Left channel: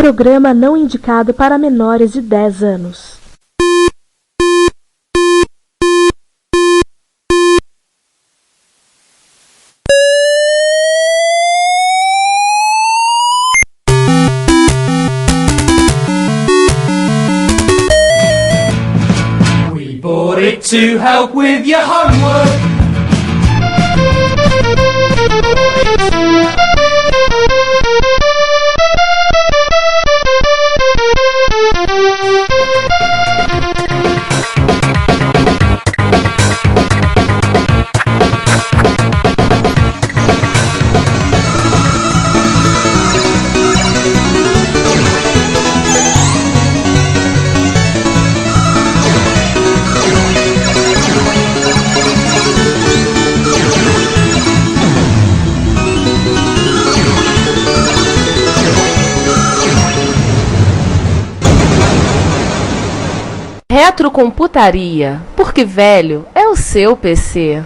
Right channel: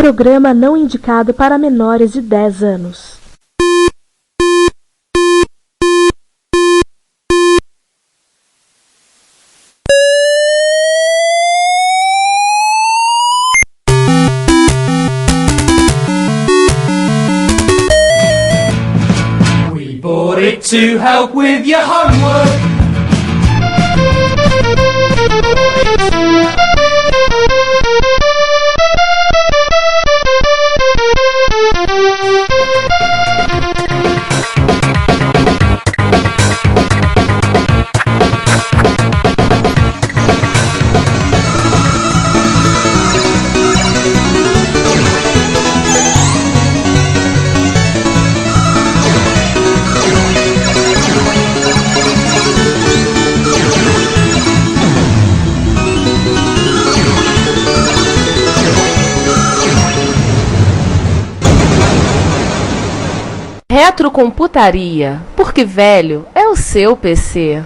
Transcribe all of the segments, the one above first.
Programa não indicado para menores de 10 anos. We bought it to help with your homework. Retrocomputaria, porque velho é o seu PC.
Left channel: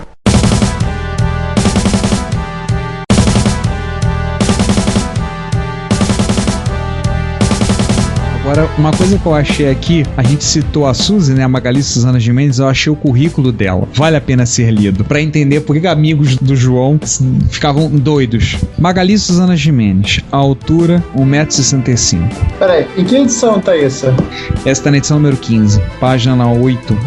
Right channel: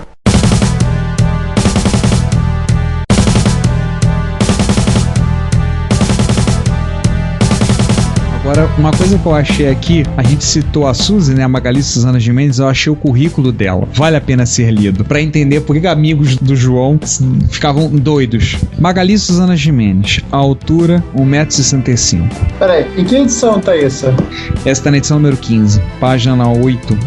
Agora, uma coisa que eu achei aqui, a gente citou a Suzy, né, a Magali Suzana Gimenez, eu achei o currículo dela. Vale a pena ser lido, pra entender por que amigos do João ficavam doidos. Magali Suzana Gimenez, a altura 1,65 m. Peraí, em que edição tá isso? Essa tá na edição número 15, página 8.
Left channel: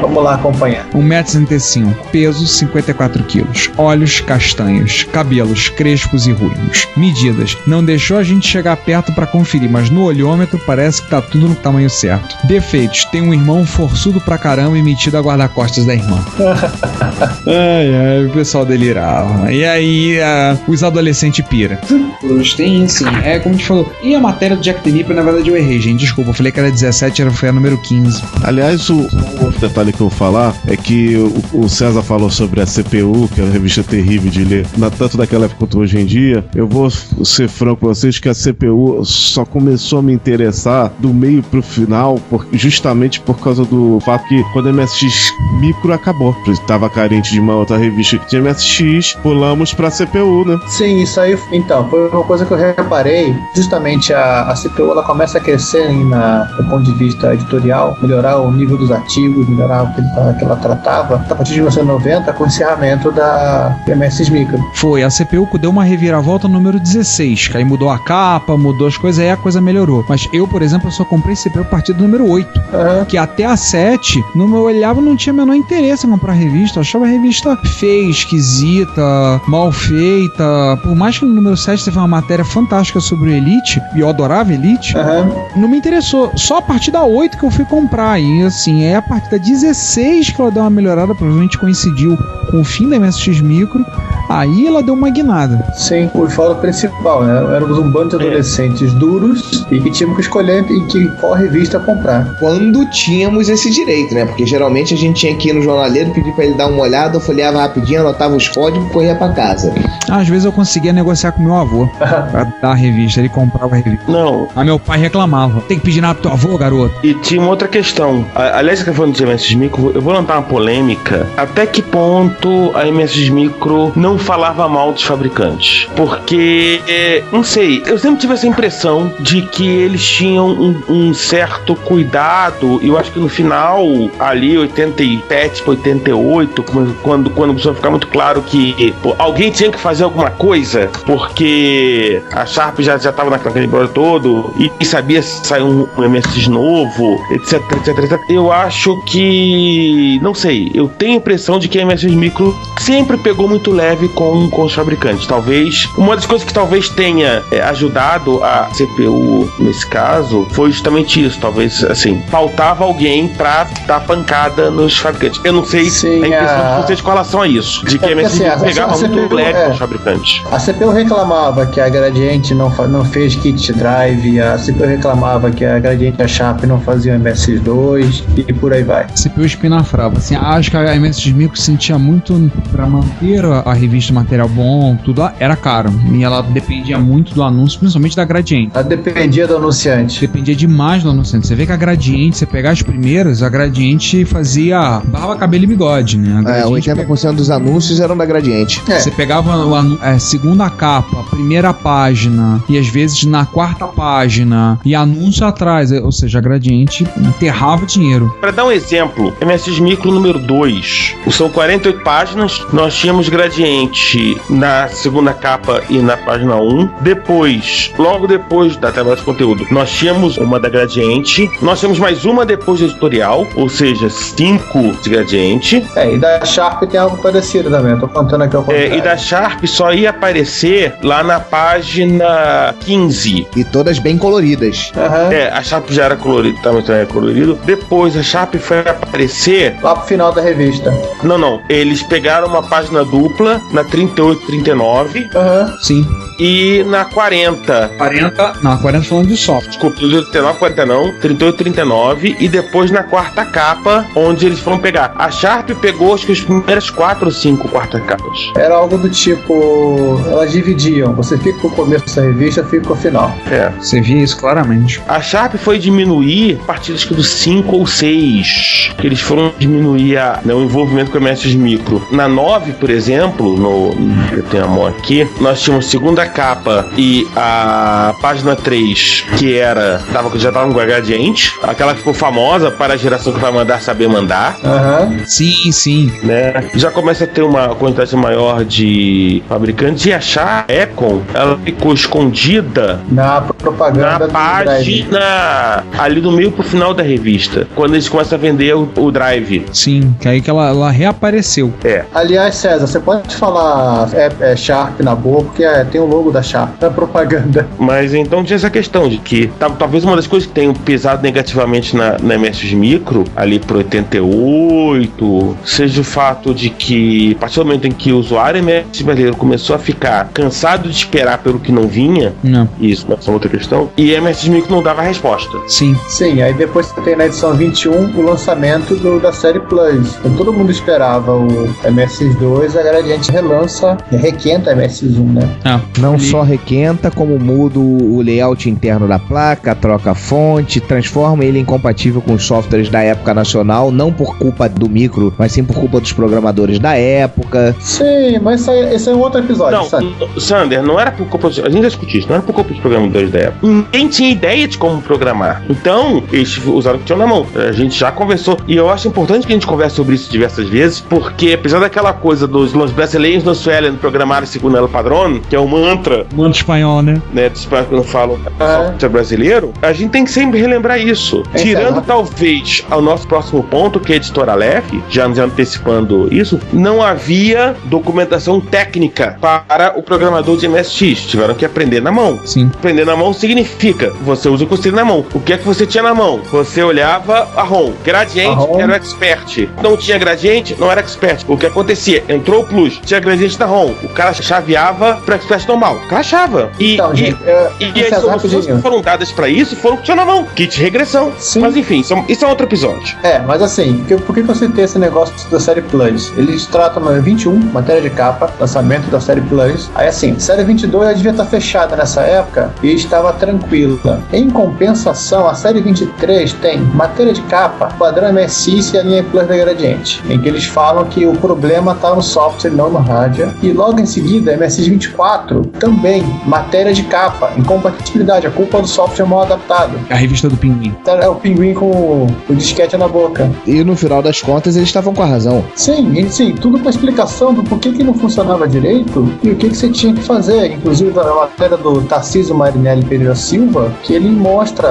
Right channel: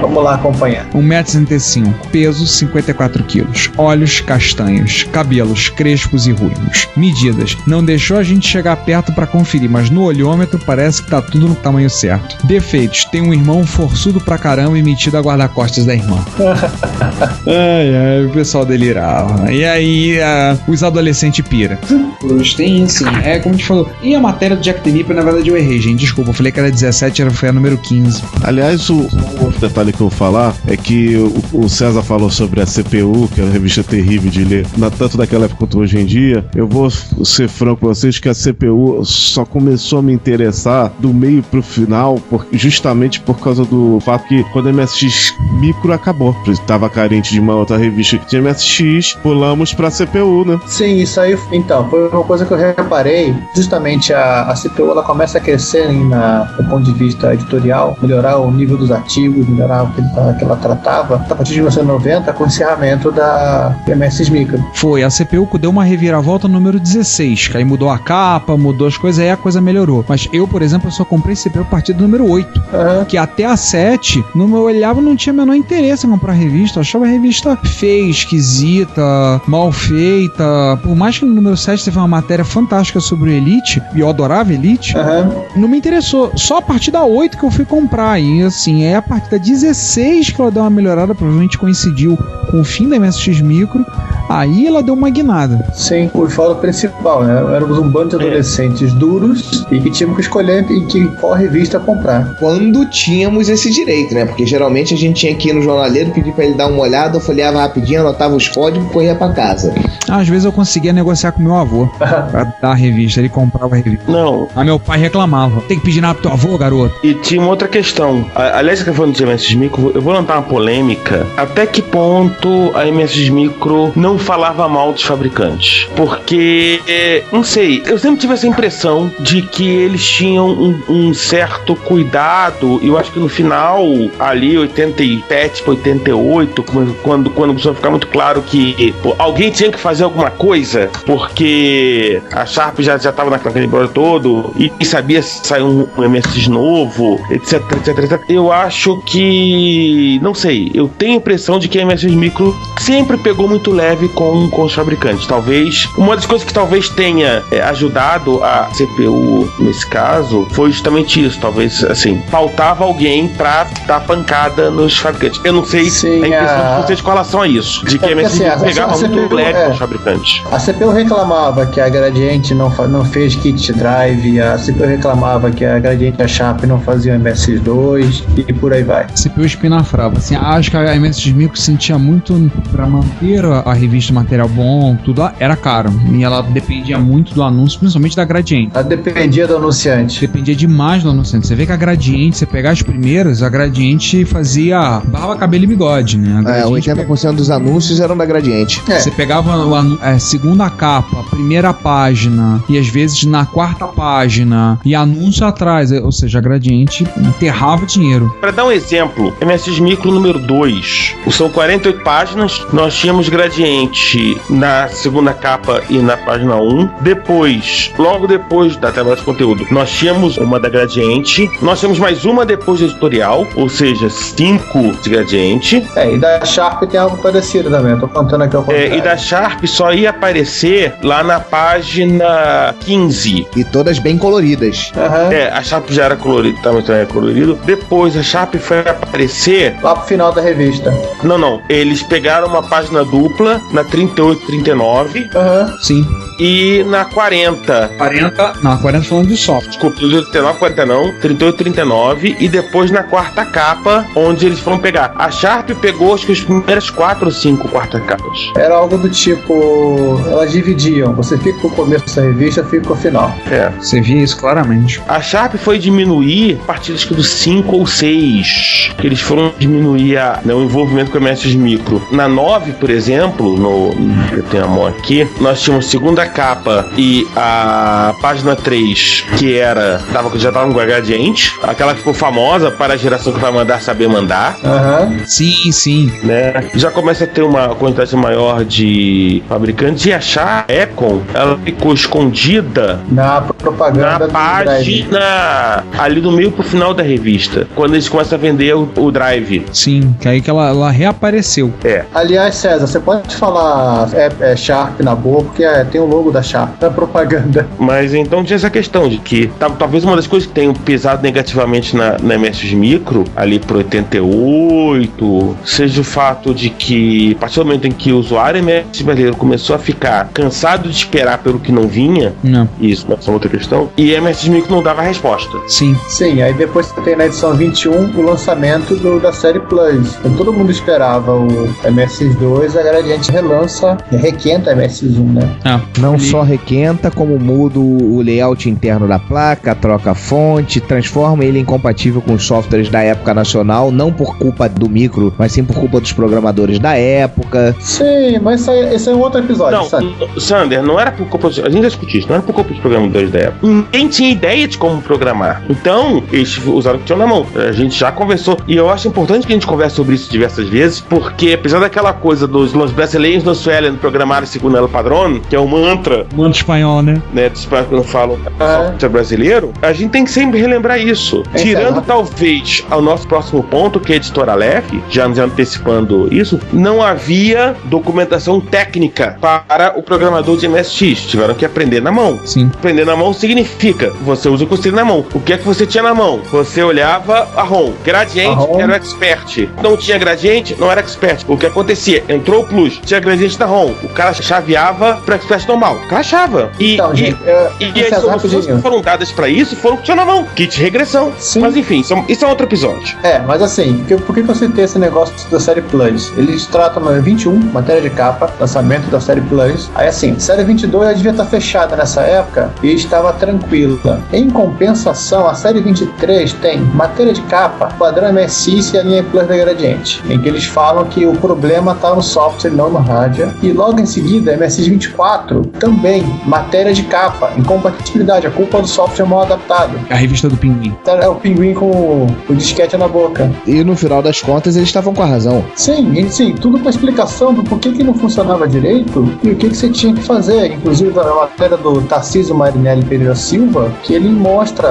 Vamos lá acompanhar. 1,65 m, peso 54 kg, olhos castanhos, cabelos crespos e ruivos. Medidas: não deixou a gente chegar perto pra conferir, mas no olhômetro parece que tá tudo no tamanho certo. Defeitos: tem um irmão forçudo pra caramba e metido a guarda-costas da irmã. Ai, o pessoal delirava. E aí, os adolescentes pira. Tem assim, é como a gente falou. E a matéria do Jack the Ripper, na verdade eu errei, gente, desculpa, eu falei que era 17, foi a número 15. Aliás, o outro detalhe que eu vou falar é que o César falou sobre a CPU, que é uma revista terrível de ler, tanto daquela época quanto hoje em dia. Eu vou ser franco com vocês que a CPU só começou a me interessar do meio pro final, justamente por causa do fato que quando a MSX Micro acabou, estava carente de uma outra revista que tinha MSX, pulamos pra CPU, né? Sim, isso aí, então, foi uma coisa que eu reparei. Justamente a CPU, ela começa a crescer do ponto de vista editorial, melhorar o nível dos artigos, melhorar o que ela tratava, a partir de 1990, com o encerramento da MSX Micro. Foi, a CPU deu uma reviravolta no número 16, que aí mudou a capa, mudou as coisas, aí a coisa melhorou. Mas eu, por exemplo, eu só comprei CPU a partir do número 8, que até a 7, no meu olhava, não tinha o menor interesse em comprar revista, eu achava a revista feia, esquisita, mal feita. Por mais que no número 7 teve uma matéria fantástica sobre o Elite, e eu adorava Elite, não me interessou. Só a partir da 8 que eu fui comprar, e assim, é a partir da 16 que ela deu uma melhorada, provavelmente coincidiu com o fim da MSX Micro, aí ela deu uma guinada. Sim, o foco principal, né? Éramos um bando de adolescentes duros e que tínhamos que escolher qual revista comprar. Quando tínhamos esse direito, né? Porque geralmente a gente tinha que ir no jornaleiro, pedir pra ele dar uma olhada, eu folheava rapidinho, anotava os códigos e corria pra casa. Às vezes eu conseguia negociar com meu avô pra dar a revista, ele comprava a revista. Não. Aí meu pai reclamava: tem que pedir nada pro teu avô, garoto. E tinha uma outra questão. Aliás, você tá falando de MSX Micro, eu vou lançar uma polêmica. Até que ponto a MSX Micro não falava mal dos fabricantes? Porque, não sei, eu sempre tive essa impressão de que eles tinham um certo cuidado. Eu acho que no final, ali, 87 para 88, quando começou a ficar muito claro que alguém tinha que fazer alguma coisa, porque a Sharp já tava naquele embrolho todo e sabia se sair um MSX novo, etc. Eu acho que, não sei, eu tenho a impressão de que a MSX Micro sempre pegou muito leve com os fabricantes. Talvez, uma das coisas que talvez tenha ajudado a CPU nesse caso foi justamente isso. Talvez, assim, faltava alguém pra dar pancada nos fabricantes. Eu não sei a impressão de vocês com relação a isso, de que a MSX Micro pegava muito leve com os fabricantes. A CPU reclamava que a Gradiente não fez kit drive, a CPU reclamava que a Gradiente e a Sharp não faziam MSX2 e por aí vai. CPU espinafrava. Assim, acho que a MSX Micro sentia muito pra manter a revista revista, material bom, tudo era caro. E ela dependia muito do anúncio, principalmente da Gradiente. Ela dependia do anunciante. Dependia demais do anunciante. Você vê que a Gradiente, você pegar as primeiras, a Gradiente fazia barba, cabelo e bigode, né? 80% dos anúncios eram da Gradiente. Você pegava a segunda capa, a primeira página, e às vezes na quarta página, e anúncio atrás, ou seja, a Gradiente enterrava dinheiro. Para dar um exemplo, MSX Micro número 2, são 48 páginas, nós tínhamos Gradiente na segunda capa e na página 1. Depois, logo depois da tabela de conteúdo, nós tínhamos uma da Gradiente, nós tínhamos mais uma depois do editorial, ou seja, 5 de Gradiente. E da Sharp tem algo parecido também, eu tô contando aqui ao contrário. E da Sharp só ia aparecer lá na página 15. E todas bem coloridas. A Sharp já era colorida, também era colorido. Depois a Sharp foi aparecer lá pro final da revista. Não, eles pegaram uma página dupla na 38, 39. Sim. E na 40. Não, a 40 falando de software. Desculpa, 39, 40 não, 38, 39. E depois na quarta capa, onde eles foram pegar. A Sharp pegou acho que as primeiras 4 ou 5 quartas capas. Era algo do tipo, elas dividiam. Você fica com o começo da revista, fica com o final. Você via isso claramente. A Sharp foi diminuir a partir acho que do 5 ou 6. Que eles foram diminuir o envolvimento com a MSX Micro. Na 9, por exemplo, eu tenho a mão aqui, nós tínhamos segunda capa e a página 3, que já tava com a Gradiente, aquela que ficou famosa para a geração que vai mandar saber mandar. Sim. Né? Já começa a ter uma quantidade maior de fabricantes, e a Econ, ela ficou escondida na propaganda, na página ali do meio pro final da revista, quando eles começam a vender o Drive. Sim, que aí que ela reapareceu. Aliás, César, você pode falar Sharp na boa, porque tem o logo da Sharp na propaganda. Mas então tinha essa questão de que talvez uma das coisas que tenham pesado negativamente na MSX Micro, ali pro 88, seja o fato de que, a partir do momento em que o usuário MSX brasileiro começou a ficar cansado de esperar pelo que não vinha, isso é outra questão, e a MSX Micro não dava resposta. Sim, aí depois você tem na edição 21 o lançamento da série Plus. Então, todo mundo esperava o MSX2, a Gradiente requenta a MSX1, né? Não só requenta, como muda o layout interno da placa, troca a fonte, transforma ele incompatível com os softwares da época nacional, não por culpa do micro, mas sim por culpa dos programadores da época. Sim, mas esse é um outro episódio. Sander, não era por culpa a gente já discutiu isso, não era por culpa dos programadores da época. Ninguém tinha ideia de como programar. Então, eles usaram o que tinham na mão. A gente já conversou, e eu acho importante que a gente converse sobre isso diversas vezes, porque apesar daquela coisa dos brasileiros não suelen programar segundo el padrón, que é um mantra espanhol, né? Dos espanhóis que não falam software brasileiro, a gente tem que sempre relembrar isso. Tirando talvez ao nosso próximo ponto, que é a editora Aleph, já antecipando isso, não havia documentação técnica para o programador de MSX. Tiveram que aprender na mão. Sim. Aprender na mão significa, você usa o que você tem na mão. O que é que você tinha na mão? Você olhava a ROM. Gradiente era o expert. Não tinha gradiente, não era expert. O que acontecia? Entrou o plus, tinha gradiente na ROM. O cara chaveava para expert normal. O cara achava. E as soluções que foram dadas para isso foram que tinha na mão. Kit regressão. Sim. Mas enfim, isso é outro episódio. Mas assim, por que você tem esse negócio da série Plus? Eles tratam na 21, matéria de capa, lançamento da série Plus. Aí assim, série 22 ela devia estar fechada nessa época e estava tranquila. Em compensação, a série 23 tem matéria de capa, padrão MSX e a linha Plus da Gradiente, em que eles falam que o problema está no software, não no hardware. E logo em seguida, MSX 24 também, matéria de capa, incompatibilidade, a culpa do software mal adaptado. A revista do Pinguim. É o Pinguim com o disquete na boca. E no final das contas eles estavam com a razão. Sim, tudo com a explicação do porquê que não funcionava direito e o que você tinha que fazer. Inclusive a matéria do Tarcísio Marinelli Pereira Silva, que ele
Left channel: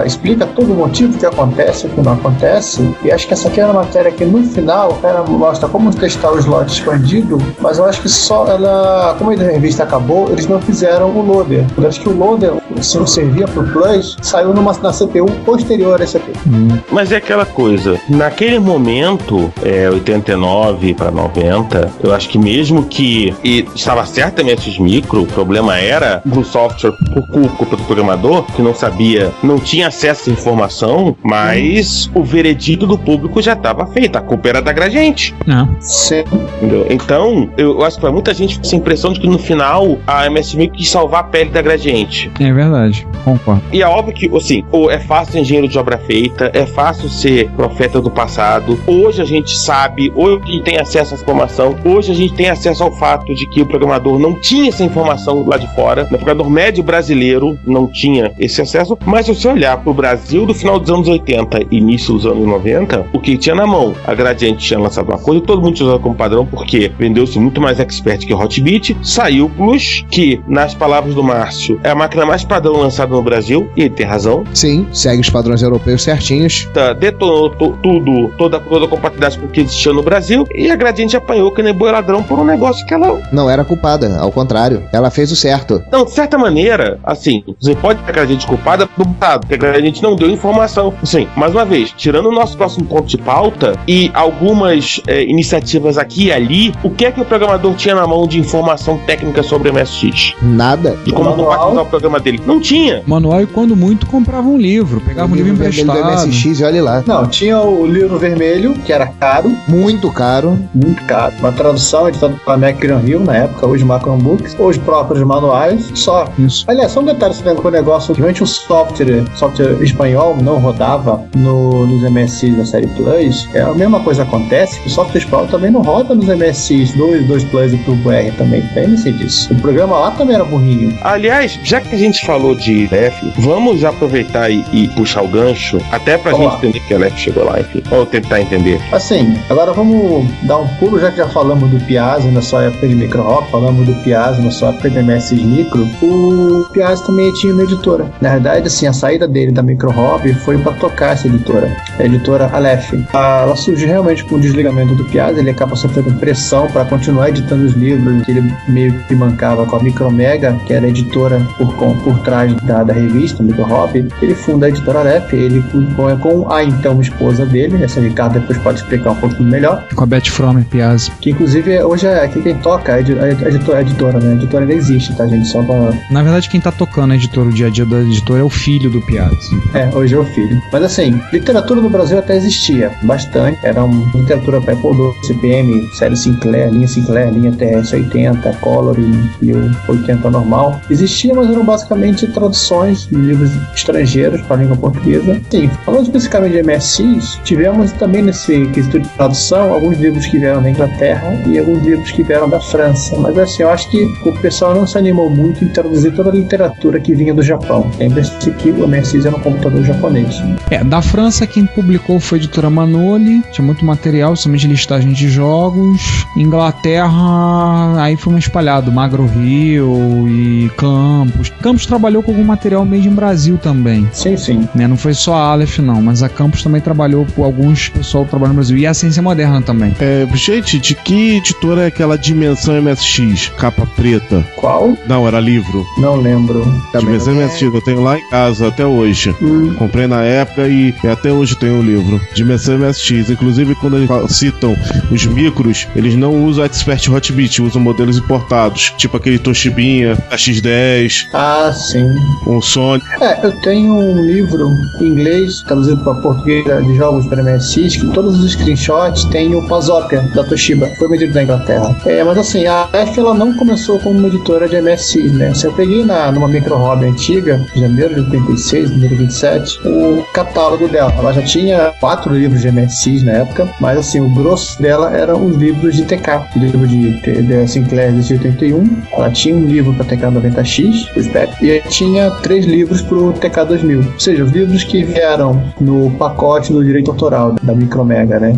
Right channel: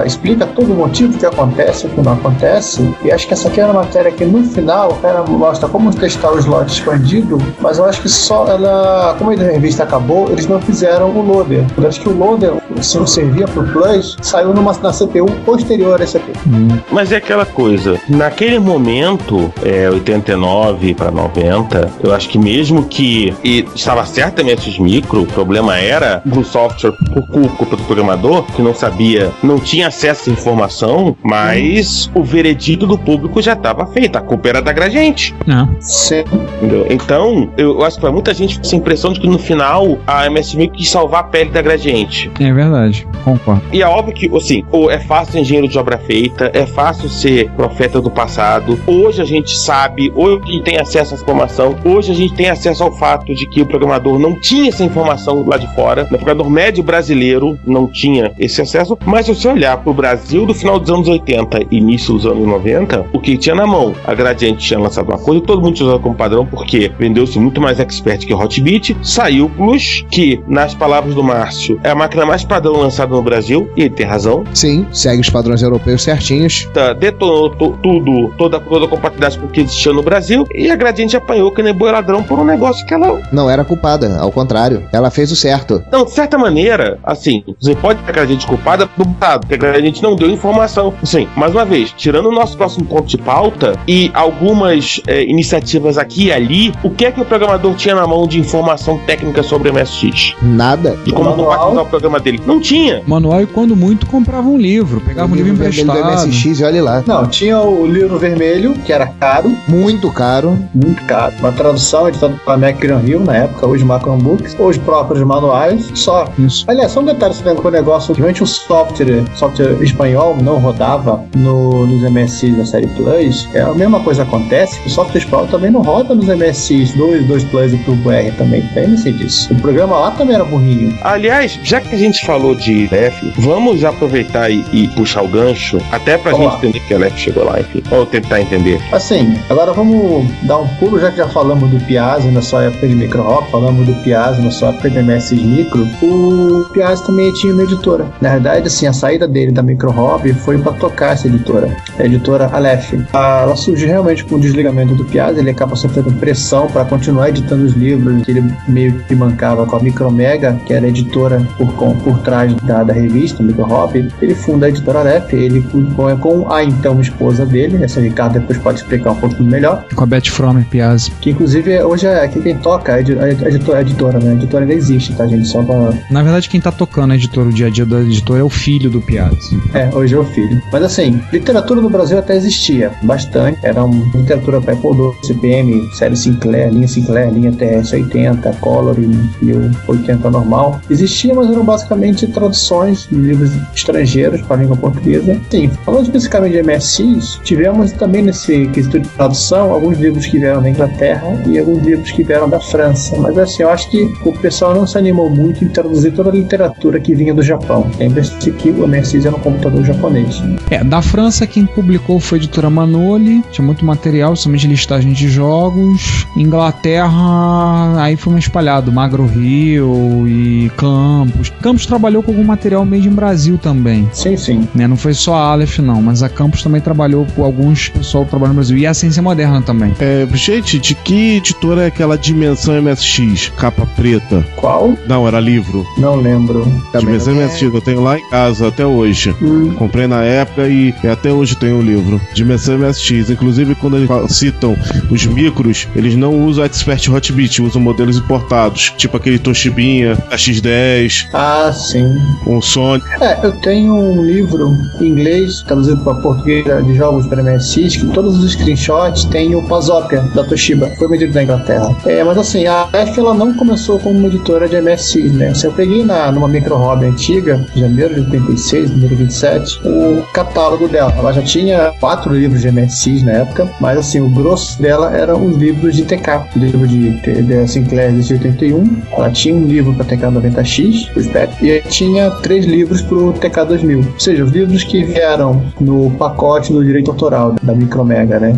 explica todo o motivo que acontece, o que não acontece. E acho que essa aqui era uma matéria que no final o cara mostra como testar o slot expandido, mas eu acho que só ela, como a revista acabou, eles não fizeram o loader. Eu acho que o loader se servia pro Plus, saiu na CPU posterior a CPU. Mas é aquela coisa, naquele momento, 89 para 90, eu acho que mesmo que estava certo a MSX Micro, o problema era do software por culpa do programador, que não sabia, não tinha acesso à informação, mas o veredito do público já estava feito, a culpa era da Gradiente. Sim. Entendeu? Então, eu acho que para muita gente fica essa impressão de que no final a MSX Micro quis salvar a pele da Gradiente. É verdade, concordo. E é óbvio que, assim, é fácil ser engenheiro de obra feita, é fácil ser profeta do passado. Hoje a gente sabe, hoje a gente tem acesso à informação, hoje a gente tem acesso ao fato de que o programador não tinha essa informação lá de fora, o programador médio brasileiro não tinha esse acesso, mas se você olhar pro Brasil do final dos anos 80 e início dos anos 90, o que tinha na mão? A Gradiente tinha lançado uma coisa, todo mundo tinha usado como padrão, porque vendeu-se muito mais expert que Hotbit, saiu o Plus, que, nas palavras do Márcio, é a máquina mais padrão lançada no Brasil, e ele tem razão. Sim, segue os padrões europeus certinhos. Detonou toda a compatibilidade com o que existia no Brasil, e a Gradiente apanhou que nem boi ladrão por um negócio que ela... Não era culpada, ao contrário, ela fez o certo. Não, de certa maneira, assim, você pode ter a Gradiente culpada do passado, porque a Gradiente não deu informação. Assim, mais uma vez, tirando o nosso próximo ponto de pauta e algumas iniciativas aqui e ali, o que é que o programador tinha na mão de informação técnica sobre o MSX? Nada. De como compatibilizar o programa dele? Não tinha. Manual, e quando muito, comprava um livro, pegava um livro emprestado. Do MSX, e olha lá. Não, tinha o livro vermelho, que era caro. Muito caro. Muito caro. Uma tradução editada pela Macron Hill, na época, hoje Macron Books, os próprios manuais, só. Isso. Aliás, só um detalhe sobre o negócio, realmente o software espanhol não rodava nos MSX da série Plus. A mesma coisa acontece, o software espanhol também não roda nos MSX 2 Plus e Turbo R também, lembre-se disso. O programa lá também era burrinho. Aliás, já que a gente falou de LEF, vamos já aproveitar e puxar o gancho, até pra gente entender que a LEF chegou lá, enfim. Ou tentar entender. Assim, agora vamos dar um pulo, já que já falamos do Piazzi na sua época de micro hop, falamos do Piazzi na sua época de MSX Micro, o Piazzi também tinha uma editora. Na verdade, assim, a saída dele da micro hop foi pra tocar essa editora, a editora Aleph. Ela surgiu realmente com o desligamento do Piazzi, ele acaba sofrendo pressão para continuar editando os livros que ele meio que bancava com a Micromega, que era a editora por trás da revista Micro Hop. Ele funda a editora Aleph, ele com a então esposa dele, essa Ricardo depois pode explicar um pouquinho melhor. Com a Beth Fromer Piazzi. Que inclusive hoje é quem toca a editora, né? A editora ainda existe, tá, gente? Só pra... Na verdade, quem tá tocando a editora, o dia a dia da editora é o filho do Piazzi. Hoje é o filho. Mas assim, literatura no Brasil até existia bastante. Era uma literatura para Apple II, CPM, série Sinclair, linha TS-80, Color e o 80 normal. Existia, mas eram basicamente traduções de livros estrangeiros para a língua portuguesa. Sim, falando especificamente de MSX, tivemos também nesse quesito de tradução alguns livros que vieram da Inglaterra e alguns livros que vieram da França. Mas assim, eu acho que o pessoal não se animou muito em traduzir toda a literatura que vinha do Japão. Lembre-se que o MSX era um computador japonês. Da França, quem publicou foi a editora Manoli, tinha muito material, somente listagem de jogos. Inglaterra, aí foi espalhado, Magro Hill e Campos. Campos trabalhou com algum material made in Brasil também. Sim. Não foi só a Aleph, não, mas a Campos também trabalhou com alguns pessoal que trabalham no Brasil. E a Ciência Moderna também. Gente, de que editora é aquela Dimensão MSX? Capa preta. Qual? Não, era livro. Não lembro. Dimensão MSX, eu tenho lá em casa até hoje. Comprei na época e até hoje tenho o livro. Dimensão MSX. Inclusive, quando eles citam os micros, eles não usam Expert Hotbit, usam modelos importados, tipo aquele Toshibinha, a X10. Ah, sim. Um Sony. Eu tenho um livro em inglês, traduzido para português, de jogos para MSX, que todos os screenshots tem o Pasopia, da Toshiba. Foi vendido na Inglaterra. Mas assim, a Aleph, ela não começou como uma editora de MSX, né? Se eu peguei numa micro hobby antiga, em janeiro de 86, número 27, o catálogo dela. Ela já tinha 4 livros de MSX na época, mas assim, o grosso dela eram os livros de TK. O livro de Sinclair de 81, ela tinha um livro para TK 90X, o SPEC, e tinha 3 livros pro TK 2000. Ou seja, os livros que vieram no pacote do direito autoral da Micromega, né?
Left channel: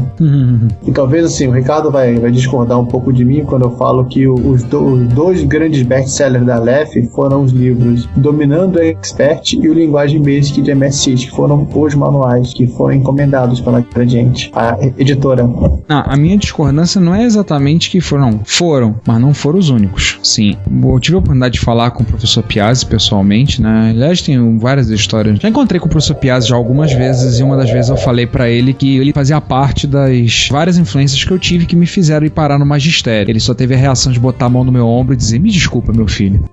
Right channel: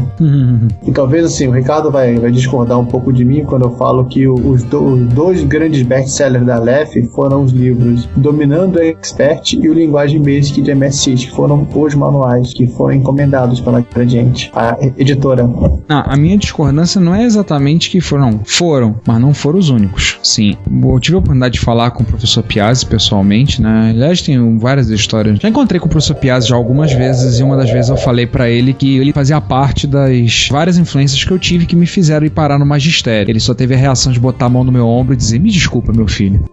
E talvez assim, o Ricardo vai discordar um pouco de mim quando eu falo que os dois grandes best-sellers da Aleph foram os livros Dominando a Expert e o Linguagem Basic de MSX, que foram os manuais que foram encomendados pela Gradiente, a editora. A minha discordância não é exatamente que foram, mas não foram os únicos. Sim, eu tive a oportunidade de falar com o professor Piazzi pessoalmente, né? Aliás, tem várias histórias. Já encontrei com o professor Piazzi já algumas vezes, e uma das vezes eu falei pra ele que ele fazia parte das várias influências que eu tive que me fizeram ir parar no magistério. Ele só teve a reação de botar a mão no meu ombro e dizer: me desculpa, meu filho.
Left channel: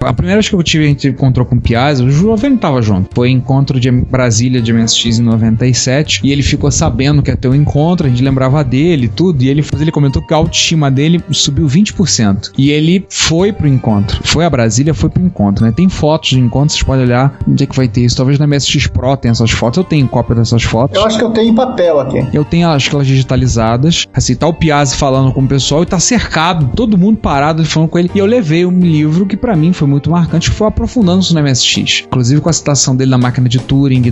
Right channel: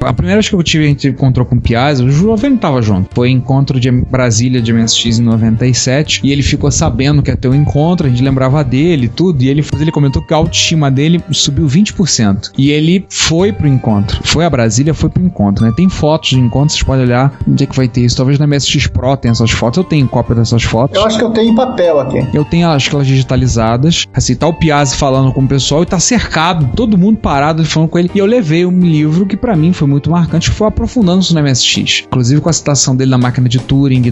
A primeira vez que a gente encontrou com o Piazzi, o Jovem tava junto. Foi encontro de Brasília de MSX em 97, e ele ficou sabendo que ia ter um encontro, a gente lembrava dele e tudo, e ele comentou que a autoestima dele subiu 20%. E ele foi pro encontro. Foi a Brasília, foi pro encontro, né? Tem fotos de encontro, vocês podem olhar onde é que vai ter isso. Talvez na MSX Pro tenha essas fotos. Eu tenho cópia dessas fotos. Eu acho que eu tenho em papel aqui. Eu tenho, acho que elas digitalizadas. Assim, tá o Piazzi falando com o pessoal e tá cercado, todo mundo parado falando com ele. E eu levei um livro que pra mim foi muito marcante, que foi aprofundando-se no MSX. Inclusive com a citação dele na máquina de Turing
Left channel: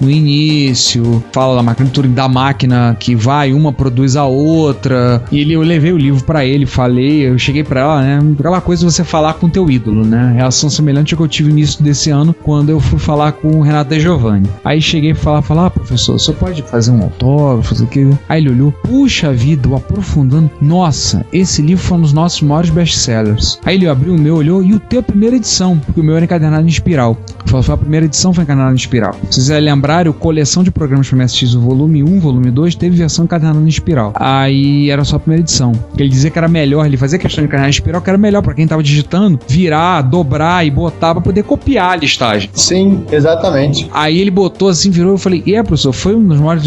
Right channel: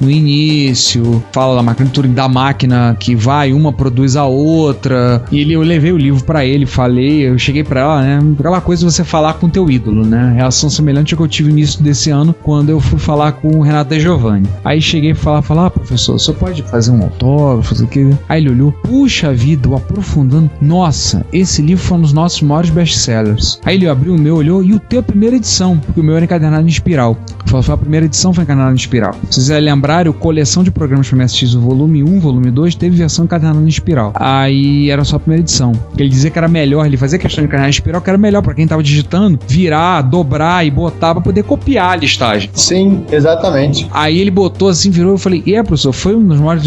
no início. Fala da máquina de Turing, da máquina que vai, uma produz a outra. E eu levei o livro pra ele, falei, eu cheguei pra ela, né? Aquela coisa de você falar com o teu ídolo, né? Reação semelhante ao que eu tive no início desse ano, quando eu fui falar com o Renato De Giovanni. Aí cheguei pra falar, professor, você pode fazer um autógrafo, fazer aquilo? Aí ele olhou, puxa vida, o aprofundando. Nossa, esse livro foi um dos nossos maiores best-sellers. Aí ele abriu o meu, olhou, e o teu primeira edição, porque o meu era encadernado em espiral. Foi a primeira edição, foi encadernado em espiral. Se vocês lembrarem, o Coleção de Programas para MSX, o volume 1, volume 2, teve versão encadernada em espiral. Aí era só a primeira edição. Ele dizia que era melhor, ele fazia questão de encadernar em espiral, que era melhor para quem tava digitando, virar, dobrar e botar para poder copiar a listagem. Sim, exatamente. Aí ele botou assim, virou, eu falei, professor, foi um dos maiores...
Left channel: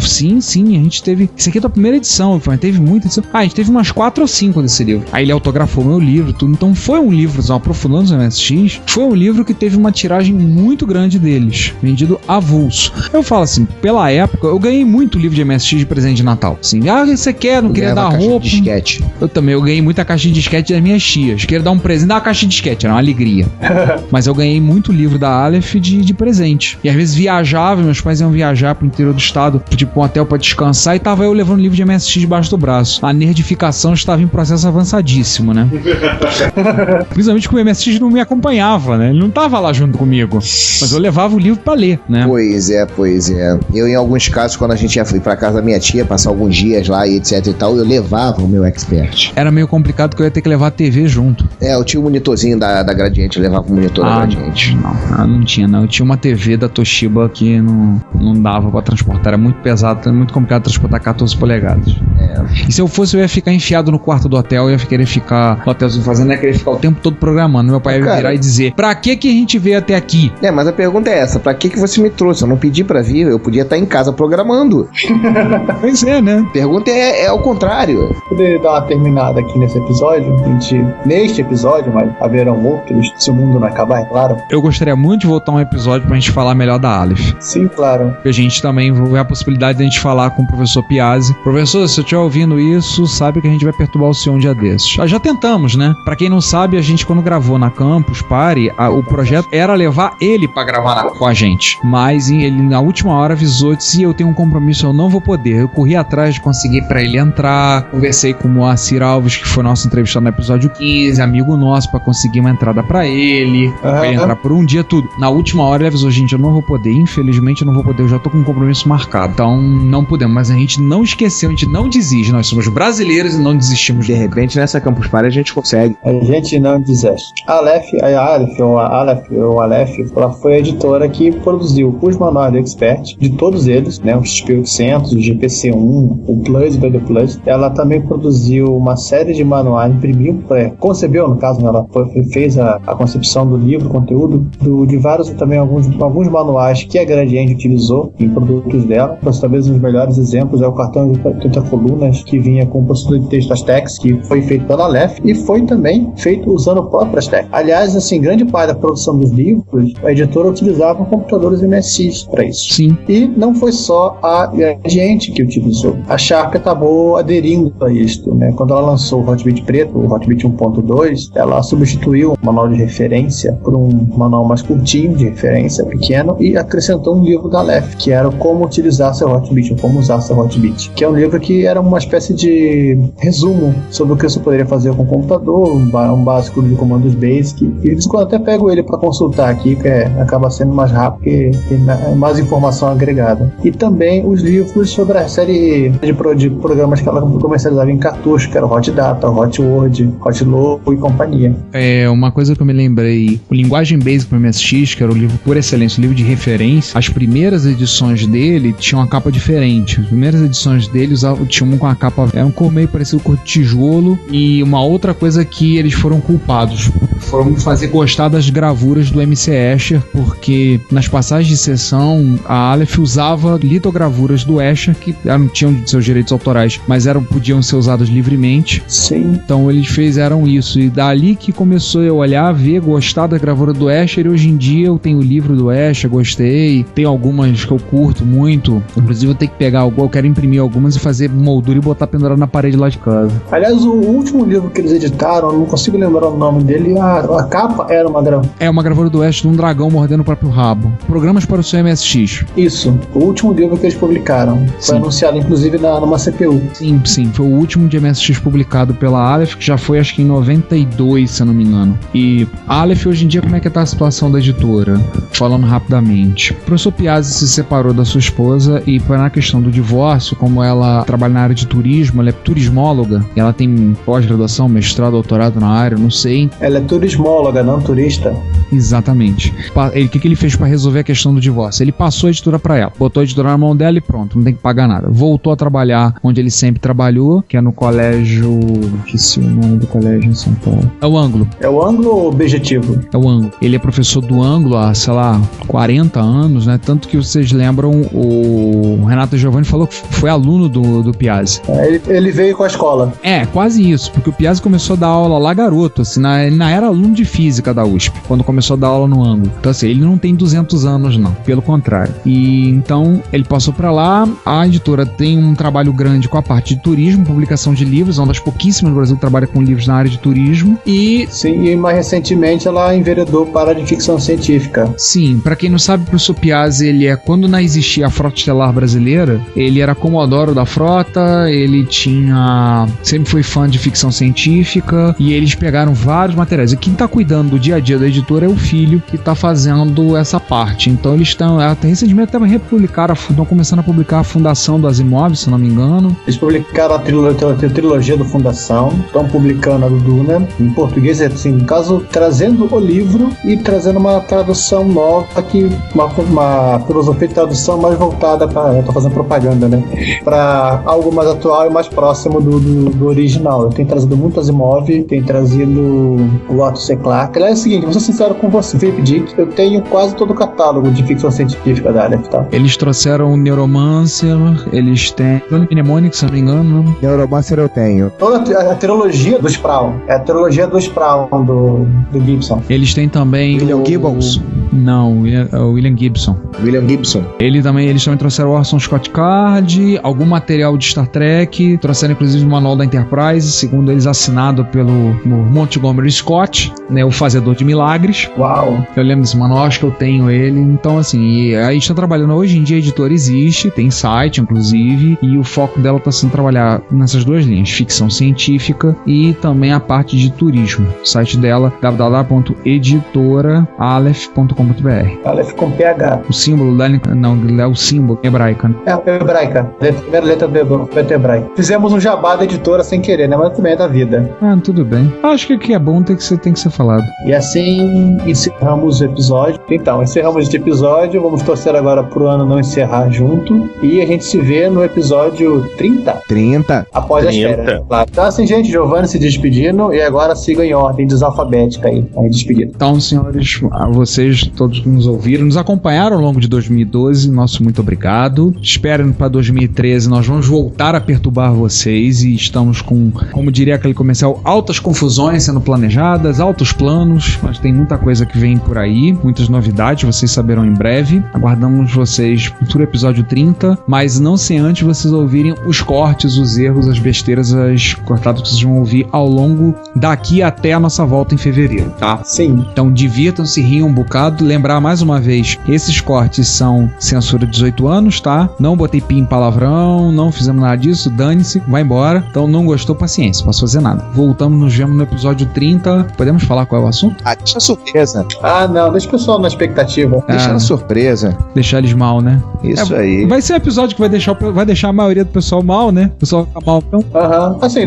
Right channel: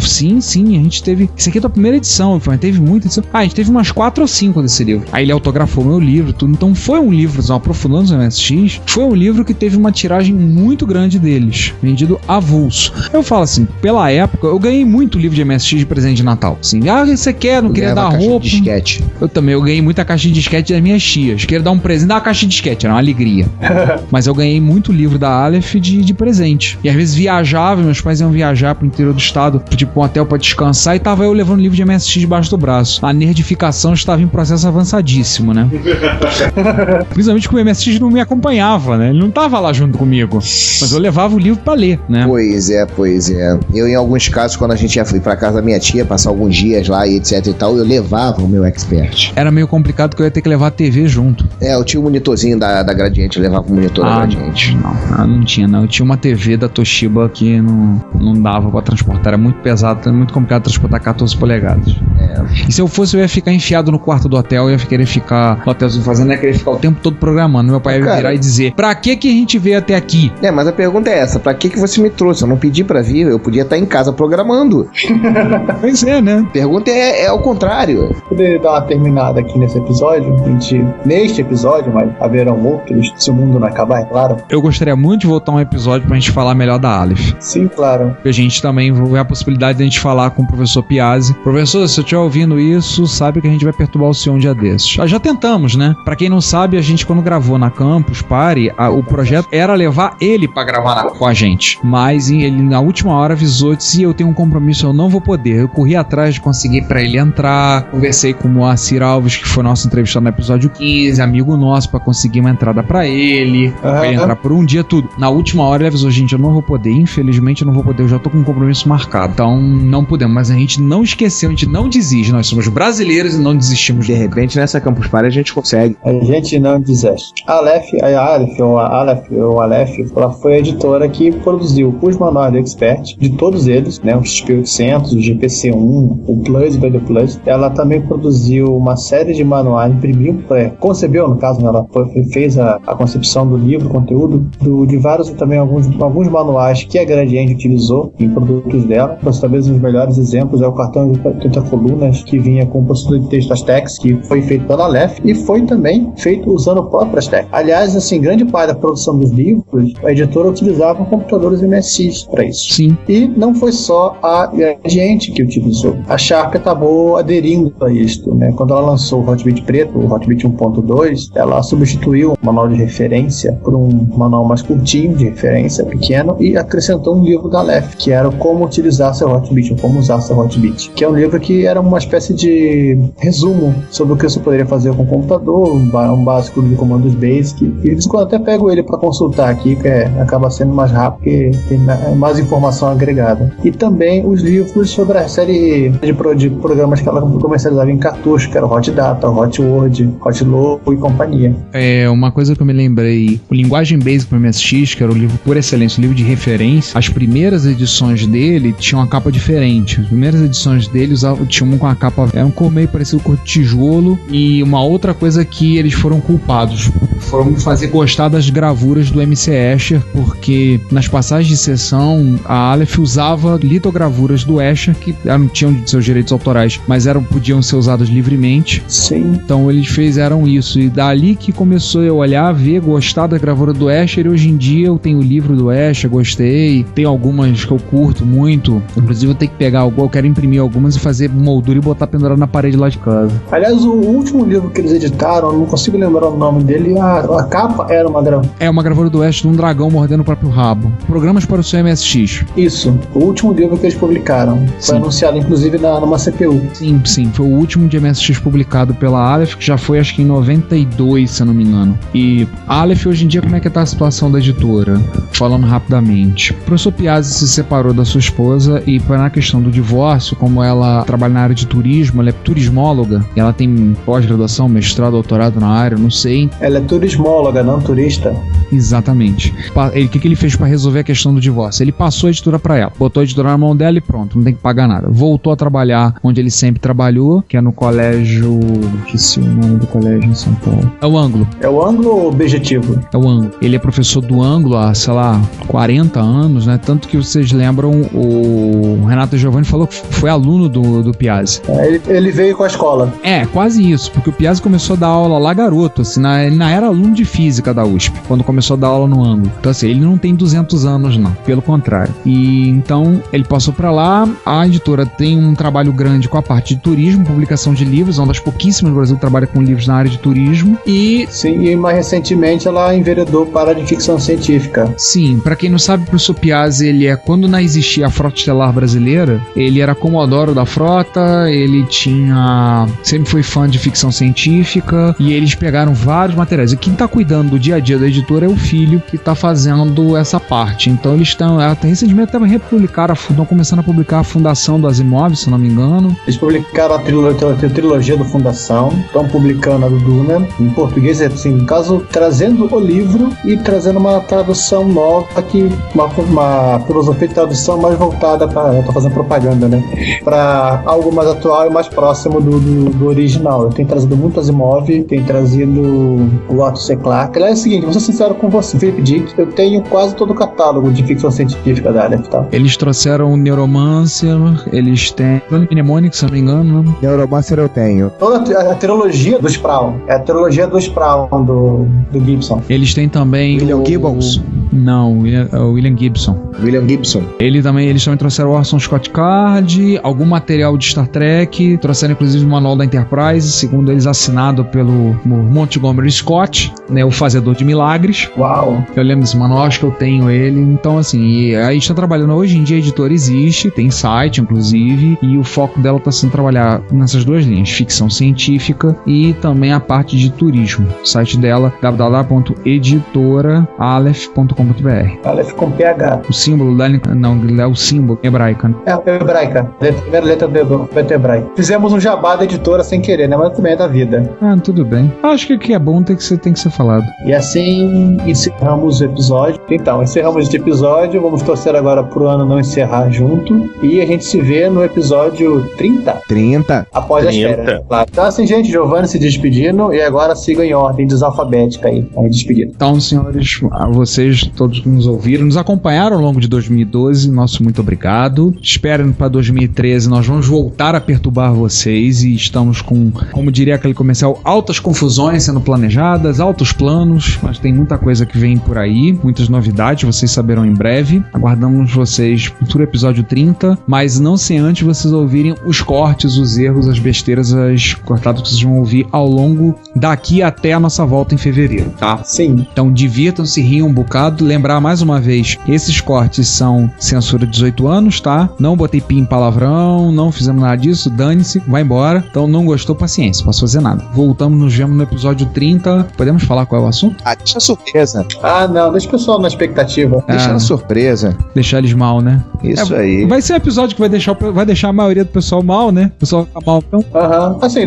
Sim, a gente teve... Isso aqui é a tua primeira edição. Eu falei, teve muita edição. A gente teve umas 4 ou 5 desse livro. Aí ele autografou meu livro, tudo. Então foi um livro, aprofundando no MSX, foi um livro que teve uma tiragem muito grande deles, vendido avulso. Eu falo assim, pela época, eu ganhei muito livro de MSX de presente de Natal. Assim, você quer, não queria dar roupa. De disquete. Eu ganhei muita caixa de disquete das minhas tias. Queria dar um presente, dar uma caixa de disquete, era uma alegria. Mas eu ganhei muito livro da Aleph de presente. E às vezes viajava, meus pais iam viajar pro interior do estado, tipo um hotel pra descansar, e tava eu levando livro de MSX debaixo do braço. A nerdificação estava em processo avançadíssimo, né? Principalmente porque o MSX não me acompanhava, né? Ele não tava lá junto comigo. Mas eu levava o livro pra ler, né? Pois é. Eu, em alguns casos, quando a gente ia pra casa da minha tia, passar alguns dias lá e etc e tal, eu levava o meu Expert. Era meio complicado porque eu ia ter que levar a TV junto. Eu tinha o monitorzinho da Gradiente, eu levava o monitor da Gradiente. Não tinha, não. Eu tinha uma TV da Toshiba que não dava pra transportar. Era muito pesado, era muito complicado transportar 14 polegadas. E se eu fosse, eu ia ficar enfiado no quarto do hotel, eu ia querer ficar no hotelzinho fazendo, ia querer ficar o tempo todo programando. Meu pai ia virar e dizer, pra que a gente veio até aqui? Mas a pergunta é essa, pra que você me trouxe? Eu não pedi pra vir, eu podia estar em casa programando. Pois é, né? A pergunta é ao contrário. Poderia dar uma terminada aqui nesse episódio, neste episódio, mas haverão outros, se o mundo não acabar, é claro. Eu gostaria muito de voltar um episódio pra gente falar melhor da Aleph. Sim, claro. A gente também vai a possibilidade de a gente falar com o professor Piazzi. Professor, se eu estiver ouvindo isso, sabe que a gente vai perturbar o senhor um dia desses. Já tentamos, né? Pra quem não sabe, a gente quando gravou na Campus Party, o projeto era levar ele pra gravar com a gente. Mas ele na última hora avisou, disse, eu tenho um compromisso, eu não vou poder. Eu corri atrás de conseguir pra ele entrar, conversei com o Moacir Alves, que foi nosso entrevistado no episódio 15, amigo nosso, pra conseguir uma entrada pra ele, pra ele entrar por um dia, tudo. Na última hora ele avisou, gente, eu não vou poder, infelizmente eu não vou poder, eu já tô com um compromisso marcado. Então não podemos, mas a gente não esqueceu, a gente não desiste, nós somos brasileiros e não desistimos. De repente nessa Campus Party a gente consegue. A gente não desiste. A Aleph, ela foi a editora que produziu os manuais do Expert, de todos eles, né, o XP800, o GPC1, o Plus e o BD Plus. Ela também produziu uma série de manuais, imprimiu, concebeu, no caso, ela fez a concepção do livro, conteúdo, de vários, também alguns manuais que a Gradiente utilizou em produtos dela. Mas talvez um dos melhores exemplos é o cartão de 80 colunas, que vinha com o processador de texto Astex, que foi feito pela Aleph e foi também feito usando o próprio Astex. Aliás, assim, grande parte da produção dos livros, a editora utilizava computadores MSX para isso. Sim. E não foi só a Gradiente que utilizou. A Sharp acabou aderindo a isto, né? Quando ela lançou o Hotbit preto, o Hotbit 1.2, ela substituiu o manual de referência por um manual mais curtinho, de referência pequeno, e acrescentou um livro da Aleph, que era como utilizar seu Hotbit, ou como usar seu Hotbit, que é um livro que era uma espécie de resumo sobre o que você poderia fazer com o computador, um básico de comandos basic. E de quando até pego ele para consultar aqui, que acaba sendo mais rápido, porque tem mais informação agregada. E também os livros sobre a série de programas que ela comercializava em cartucho, que era o Hot Data, o Hot Word, Hot Logo e companhia. Uma coisa que eu me lembrei, o Linguagem Basic para MSX, que era o livro por excelência, o livro de referência, as primeiras edições dele tinham uma capa diferente. As primeiras edições dele tinham uma com a capa, era um cor meio parecido com tijolo, e uma outra coisa que eles foram culpados, foram fazer gostar das gravuras do MC Escher, porque nas passagens de sessão a Aleph usava litogravuras do Escher, que tinham de seus direitos autorais, mas podiam ser usadas livremente. Sim. Então eles fizeram isso, e dali que começou eu olhar, ver, gostar da gravura do Escher, e hoje em dia eu tenho o livro do Escher, gostei, tem algumas que eu curto muito, inclusive eu tenho que pegar eu quero imprimir algumas e fazer moldura e botar pendurado na parede lá de casa. Aliás, o último livro que eles editaram, eu não consigo lembrar o nome dele, a capa era uma gravura. É uma gravura do Escher de um dragão mordendo o próprio rabo. Programas para o seu MSX. Isso, o último livro que eles publicaram. Foi Sim. Anunciado inclusive numa CPU. Sim, foi o último de MSX publicado pela Aleph, que já foi acho que em 92, se eu não me engano. E a Aleph hoje em dia, como é que tá a situação da editora? Falando rapidamente. O professor Piazzi se separou da sua esposa e na questão do divórcio, como ela trabalha na área de turismo, ela é turismóloga, ela tem pós-graduação, mestrado, doutorado na área, não sei. Ela é turismóloga, não turista. Exatamente. O que ele fez para resolver a questão do divórcio? Ele passou a editora para ela, botou a editora na mão dela e pronto, não tem que pagar nada. Voltou a trabalhar onde ele sempre trabalhou, que é no colégio... Esqueci o nome do colégio em São Paulo. É o Ângulo. É o Ângulo ou Objetivo? É o Ângulo. Ele é professor do Ângulo há, sei lá, 40 anos, né? Tanto que vocês lembram, o Renato Giovanni falou que foi aluno do Piazzi. Ele veio com a escola. Quase isso, porque o Piazzi começou a dar aula lá garoto, assim, ele não era aluno de física da USP, quando começou a dar aula no Ângulo. Então assim, ele não tem 200 anos não, pelo contrário. E então, ele passou pra lá, a editora tem um trabalho grande com a parte de turismo, publicação de livros, é uma das pouquíssimas no Brasil que trabalha com livros na área de turismo. Sim, e mais recentemente ela enveredou para a de ficção científica. Sim, pra quem não sabe, o professor Piazzi, quando não existia a Frota Estelar Brasileira, ele era comodoro da frota, ele sempre foi fã de ficção científica, e eles pegaram vários materiais. E quem tá cuidando do dia a dia da editora é o filho que tá fazendo essa parte. Então eles estão, até recentemente estão começando a publicar a Fundação do Asimov, se não me engano. Eles publicaram a trilogia do Fundação, estão publicando a do Duna, em português, assim, no caso, trazendo o livro e trazendo uma tradução nova, uma filosofia de tradução mais voltada para, eu tô fazendo propaganda, né, para algo mais atual e mais próximo do original. Eu tenho trazido muito Asimov, tenho trazido o Arthur C. Clarke. Aliás, é o seguinte, vou ser sincero com você, Felipe Dick, eu tenho quase todo o catálogo de ficção científica da Aleph, tá? Eles trouxeram o Neuromancer, eles têm Johnny Mnemonic, se não me engano. Neuromancer eu tenho. Toda a trilogia do Sprawl. É a trilogia do Sprawl do Gibson. Eles têm também William Gibbons? Não, o William Gibson. William Gibson. Eles também trouxeram o Orson Scott Card, algum material de Star Trek, trouxeram inclusive o manual da Enterprise, segundo eles assinado pelo Montgomery Scott, né, o fazedor de milagres. Uau! Eu lembro desse manual, acho que eu tenho ele. Então assim, a gente está trabalhando hoje em dia, a editora existe, tem site inclusive, e o foco dela está sendo trabalhar nessas duas linhas, ficção científica e também a parte de turismo. O site dela, www.editoraaleph.com.br. Aleph com PH. O símbolo da... Não, é o símbolo hebraica. É hebraica. A primeira letra do hebraico. Fizemos um jabá da editora sem querer, né? Mas também é da vida. Tudo bem. Acho que o que é bom tem que ser falado. E assim encerramos o episódio. Então, encerramos este episódio. Vamos torcer agora pro ano não encerrar junto. E a gente se vê no episódio 30. Após as férias. Claro. Então assim, gente, Giovanni se despedindo. E agora sigam em ordem desalfabética aí despedido. Então, senhores, a vocês todos que nos ouviram, nos acompanharam ao longo de 2012, nosso muito obrigado. Esperem para 2013, nós vamos voltar a perturbar vocês e estamos com, como diria aquele comercial, altas confusões sendo planejadas, altos planos, mas tem muita coisa que vem por aí, muitas novidades, vocês saberão em breve. Aguardamos vocês no episódio 30, mas não sem antes vocês ouvirem os cortes, os erros, as besteiras, as cortadas que vocês vão ouvir ao longo daqui até a nossa volta em fevereiro, tá? Sim. Então divirtam-se, riam um bocado, Lembrando, lembrar mais uma vez, esses cortes são censura 18 anos, tá? Não botei pi em palavrão, não fizemos nada disso, dane-se, vai embora. Então não gostou, paciência, não posso fazer nada. Voltamos, nos vemos no episódio 30. Podemos falar qual é o assunto? Ah, deixa a surpresa. Ah, não, deixa o pessoal na expectativa. Deixa na surpresa. Deixar eles mal, né? Isso aí. Vai ser um episódio que vai deixar a maioria do pessoal mal, né? O pessoal fica mal, então. Aham. Assim,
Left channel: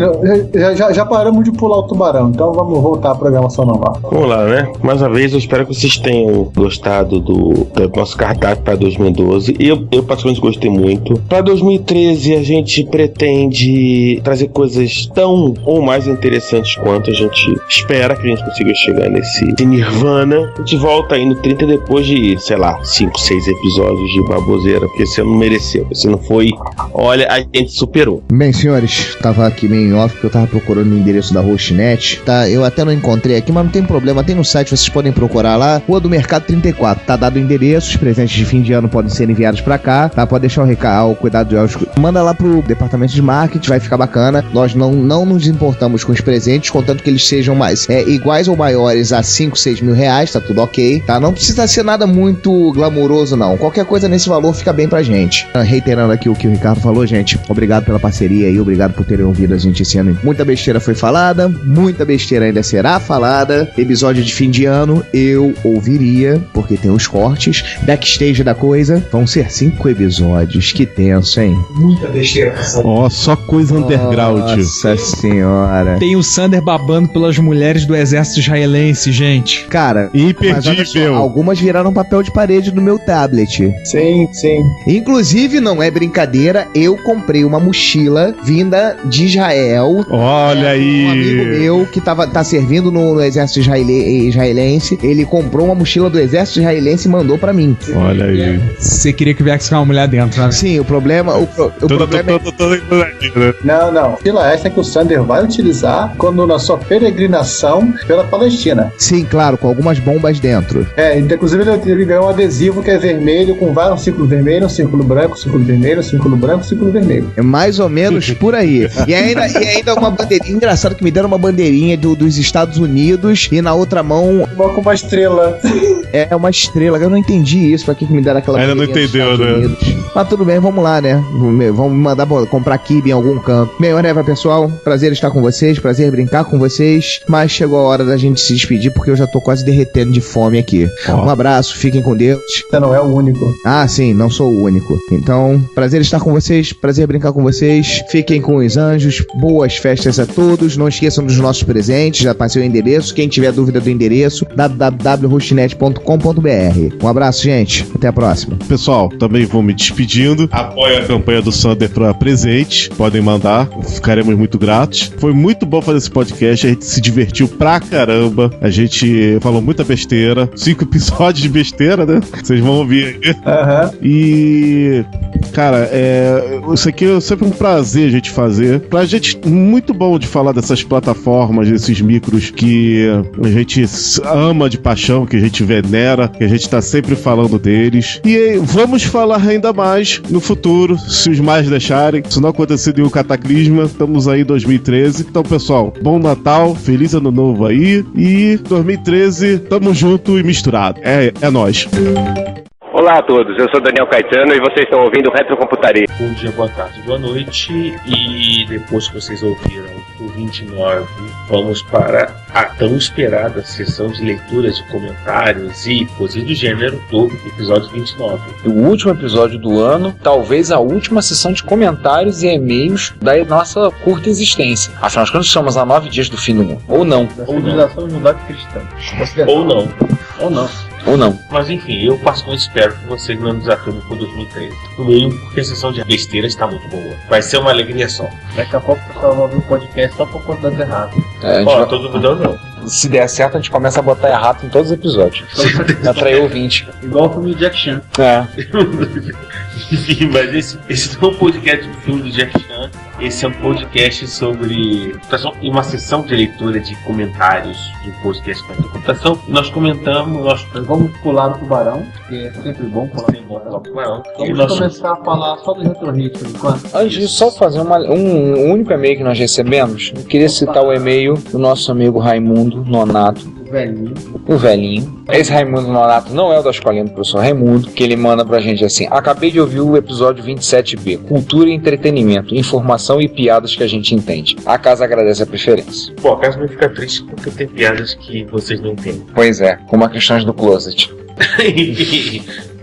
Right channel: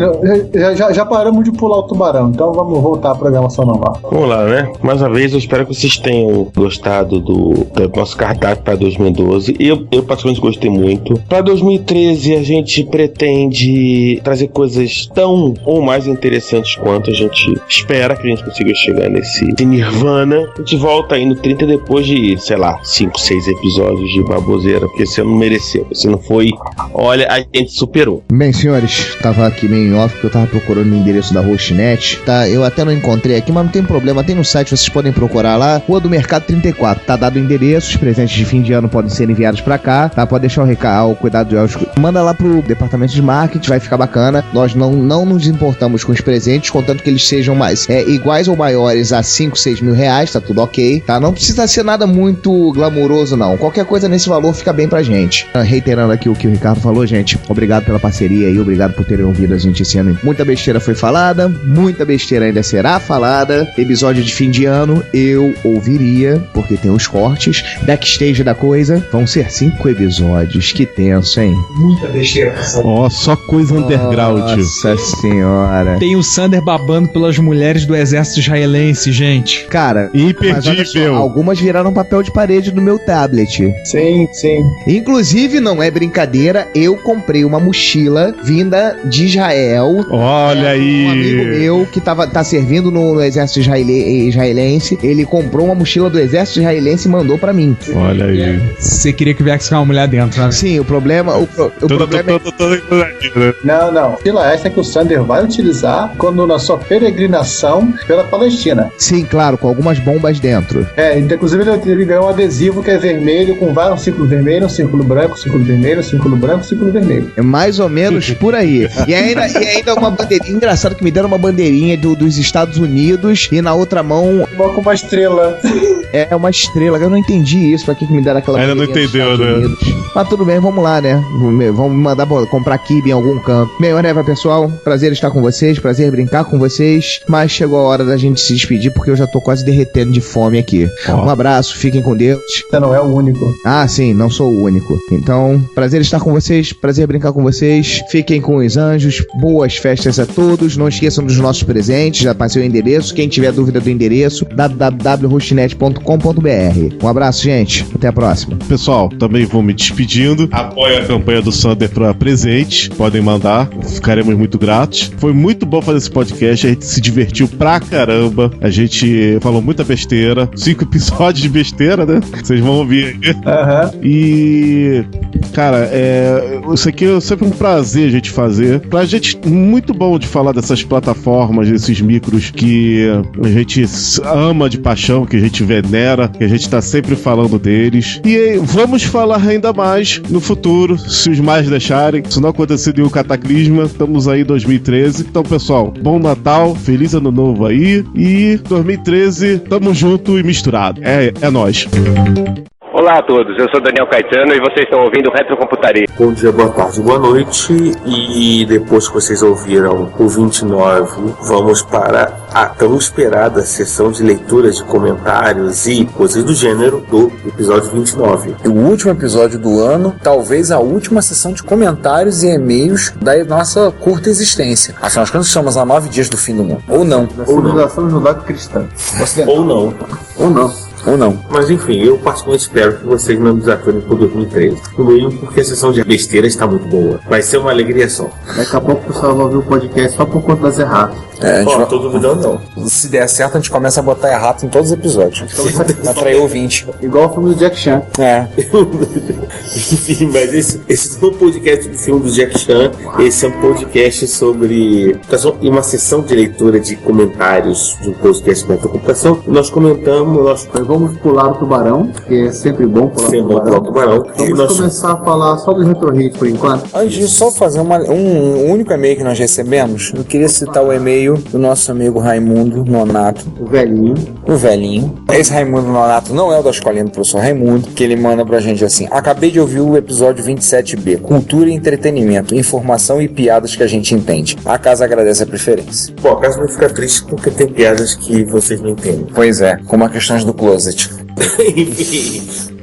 já paramos de pular o tubarão, então vamos voltar à programação normal. Vamos lá, né? Mais uma vez, eu espero que vocês tenham gostado do nosso cardápio para 2012. Eu particularmente gostei muito. Para 2013, a gente pretende trazer coisas tão ou mais interessantes quanto a gente espera que a gente consiga chegar nesse Nirvana. A gente volta aí no 30 depois de, sei lá, 5, 6 episódios de baboseira, porque você não mereceu. Você não foi. Olha, a gente superou. Bem, senhores, tava aqui meio em off porque eu tava procurando o endereço da Hostnet, tá? Eu até não encontrei aqui, mas não tem problema, tem no site, vocês podem procurar lá, Rua do Mercado 34, tá dado o endereço, os presentes de fim de ano podem ser enviados pra cá, tá? Pode deixar o cuidado de Elcio, manda lá pro departamento de marketing, vai ficar bacana. Nós não nos importamos com os presentes, contanto que eles sejam mais iguais ou maiores a 5, 6 mil reais, tá tudo ok, tá? Não precisa ser nada muito glamouroso, não. Qualquer coisa nesse valor fica bem pra gente. Reiterando aqui o que o Ricardo falou, gente, obrigado pela parceria aí, obrigado por terem ouvido a gente esse ano. Muita besteira foi falada, muita besteira ainda será falada. Episódio de fim de ano eu ouviria, porque tem os cortes. Backstage da coisa, vão ser 5 episódios. Que tenso, hein? Muita besteira. Ó, só coisa underground. Nossa senhora. Tem o Sander babando pelas mulheres do exército israelense, gente. Cara, mas olha só, algumas viraram papel de parede no meu tablet. Sim. Inclusive, não é brincadeira, eu comprei uma mochila vinda de Israel. Olha aí. Um amigo meu que tá servindo no exército israelense, ele comprou uma mochila do exército israelense e mandou pra mim. Olha aí. Você queria que viesse com uma mulher dentro, né? Sim, o problema é... Não. Mochila essa que o Sander vai utilizar quando na sua peregrinação pela Palestina. Sim, claro, com algumas bombas dentro. Inclusive ele ganhou um adesivo que é vermelho, com vários círculos vermelhos, um círculo branco, círculo vermelho, círculo branco, círculo vermelho. É mais ou menos por aí. E ainda uma bandeirinha. Engraçado que me deram uma bandeirinha dos Estados Unidos e na outra mão... Com uma estrela. É uma estrela. Eu não entendi isso. Pra que me deram aquela bandeirinha? Ainda não entendeu, né? Mas tudo bem, vamos lá, né? Vamos mandar comprar kibe em algum canto. Bem, whatever, pessoal. Prazer estar com vocês, prazer brincar com vocês. Mas chegou a hora da gente se despedir porque eu já tô quase derretendo de fome aqui. Um abraço, fiquem com Deus. Você não é o único. Ah, sim, não sou o único. Então, prazer estar com vocês, prazer brincar com vocês. Fiquem com os anjos, boas festas a todos. Não esqueçam dos nossos presentes, já passei o endereço. Quem tiver dúvida do endereço, www.hostnet.com.br. Um abraço, gente. Até a próxima. Pessoal, também vou me despedindo. Apoio a campanha do Sander para presente. Podem mandar, ficaremos muito gratos. Foi muito bom fazer esse podcast. A gente se divertiu pra caramba. A gente falou muita besteira. 5 episódios de besteira, né? Vocês vão ouvir aí. E, cara, isso aqui é sempre um prazer a gente fazer. Pra gente, muito bom de falar dessas plataformas, desses micros que a gente ama de paixão, que a gente venera, que a gente tá sempre falando deles. E vamos falar ainda mais no futuro, se os mais deixarem. Se não acontecer nenhum cataclisma, estamos aí em 2013. Então, pessoal, bom Natal, feliz ano novo aí. E 2013, tamo junto e misturado. É nóis. Olá a todos, eu sou Daniel Caetano e vocês estão ouvindo Retrocomputaria. Bom dia, boa tarde, boa noite. E depois que vocês ouviram o 29, vamos para a tão esperada sessão de leitura de comentários e coisas do gênero do episódio 29. O último episódio do ano, talvez a última sessão de comentários e e-mails da nossa curta existência. Afinal de contas, estamos a 9 dias do fim do mundo. Ou não. Civilização judaico-cristã. Ou não. Ou não. Ou não. Mas enfim, eu particularmente espero que vocês não desaturem por 2013. No mínimo porque a sessão de besteira está muito boa. Vai ser uma alegria só. Daqui a pouco o pessoal vai ouvir o podcast só por conta das erratas. Tô duvidando não. Se der certo, a gente começa a botar errado em todos os episódios. Já traiu 20. Igual o filme do Jack Chan. Enfim, mas esse não é um podcast do filme do Jack Chan. Esse é um podcast sobre uma sessão de leitura de comentários de um podcast da computação. Nós comentamos, nós vamos pular o tubarão, que é sempre bom pular o tubarão. Vamos começar a falar só dos retro hits por enquanto. Antes de só fazer um único e-mail que nós recebemos, eu queria citar o e-mail do nosso amigo Raimundo Nonato, velhinho. O velhinho. Esse Raimundo Nonato não é o da escolinha do professor Raimundo, que ele manda pra gente assim: acabei de ouvir o episódio 27B, cultura e entretenimento, informação e piadas que a gente entende. A casa agradece a preferência. Pô, a casa não fica triste porque tem piadas que vocês não entendem. Pois é, como a questão do closet.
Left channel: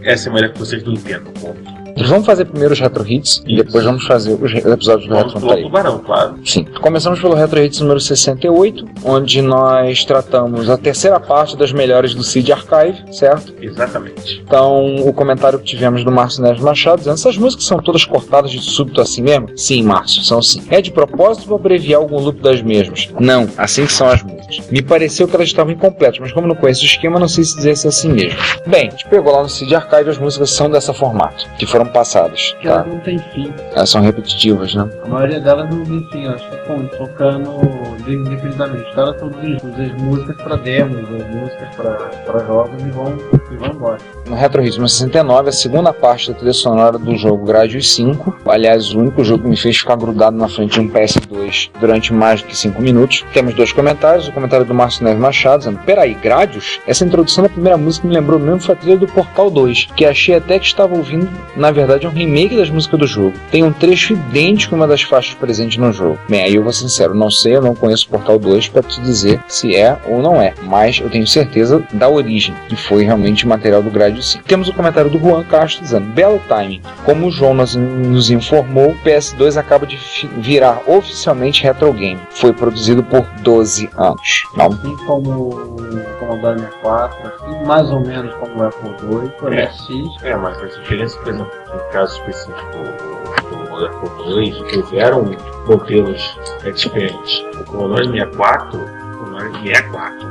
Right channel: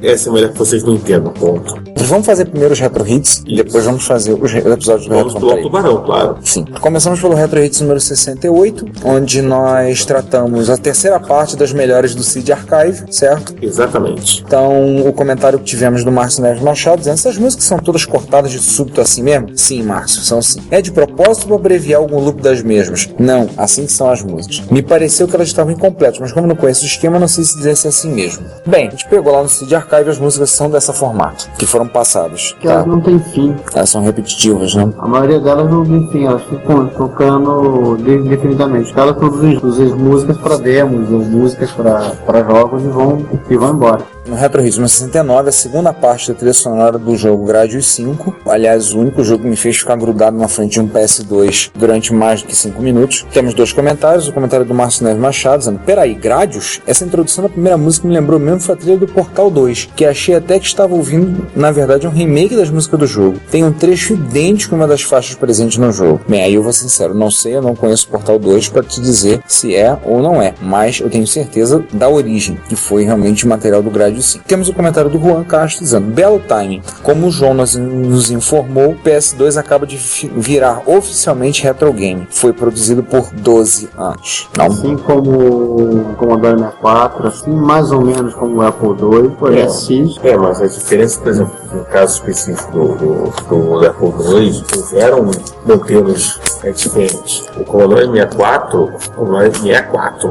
Essa é melhor que vocês não entendam, ponto. Nós vamos fazer primeiro os Retro Hits e depois vamos fazer os episódios do Vamos Retro pular o tubarão, claro. Sim. Começamos pelo Retro Hits número 68, onde nós tratamos a terceira parte das melhores do Cid Archive, certo? Exatamente. Então, o comentário que tivemos do Márcio Neves Machado dizendo: essas músicas são todas cortadas de súbito assim mesmo? Sim, Márcio, são sim. É de propósito para abreviar algum loop das mesmas? Não, assim que são as músicas. Me pareceu que elas estavam incompletas, mas como não conheço o esquema, não sei se dizer se é assim mesmo. Bem, a gente pegou lá no Cid Archive, as músicas são dessa formato, que foram passadas. Que elas não têm fim. Elas são repetitivas, não? A maioria delas não tem fim, elas ficam tocando indefinidamente. Cada produzem músicas para demos, ou músicas para jogos e vão embora. No Retro Hits 69, a segunda parte da trilha sonora do jogo Gradius 5, aliás, o único jogo que me fez ficar grudado na frente de um PS2 durante mais do que 5 minutos. Temos 2 comentários, o comentário do Márcio Neves Machado dizendo: peraí, Gradius? Essa introdução da primeira música me lembrou mesmo foi a trilha do Portal 2, que achei até que estava ouvindo, na verdade, um remake das músicas do jogo. Tem um trecho idêntico a uma das faixas presentes no jogo. Bem, aí eu vou ser sincero, não sei, eu não conheço o Portal 2 para te dizer se é ou não é, mas eu tenho certeza da origem, que foi realmente o material do Gradius 5. Temos o comentário do Juan Castro dizendo: belo timing. Como o João nos informou, o PS2 acaba de virar oficialmente retro game. Foi produzido por 12 anos. Assim como o Commodore 64, assim mais ou menos como o Apple II, o MSX. Mas a diferença, por exemplo, no caso específico do Apple II, eram modelos diferentes. O Commodore 64,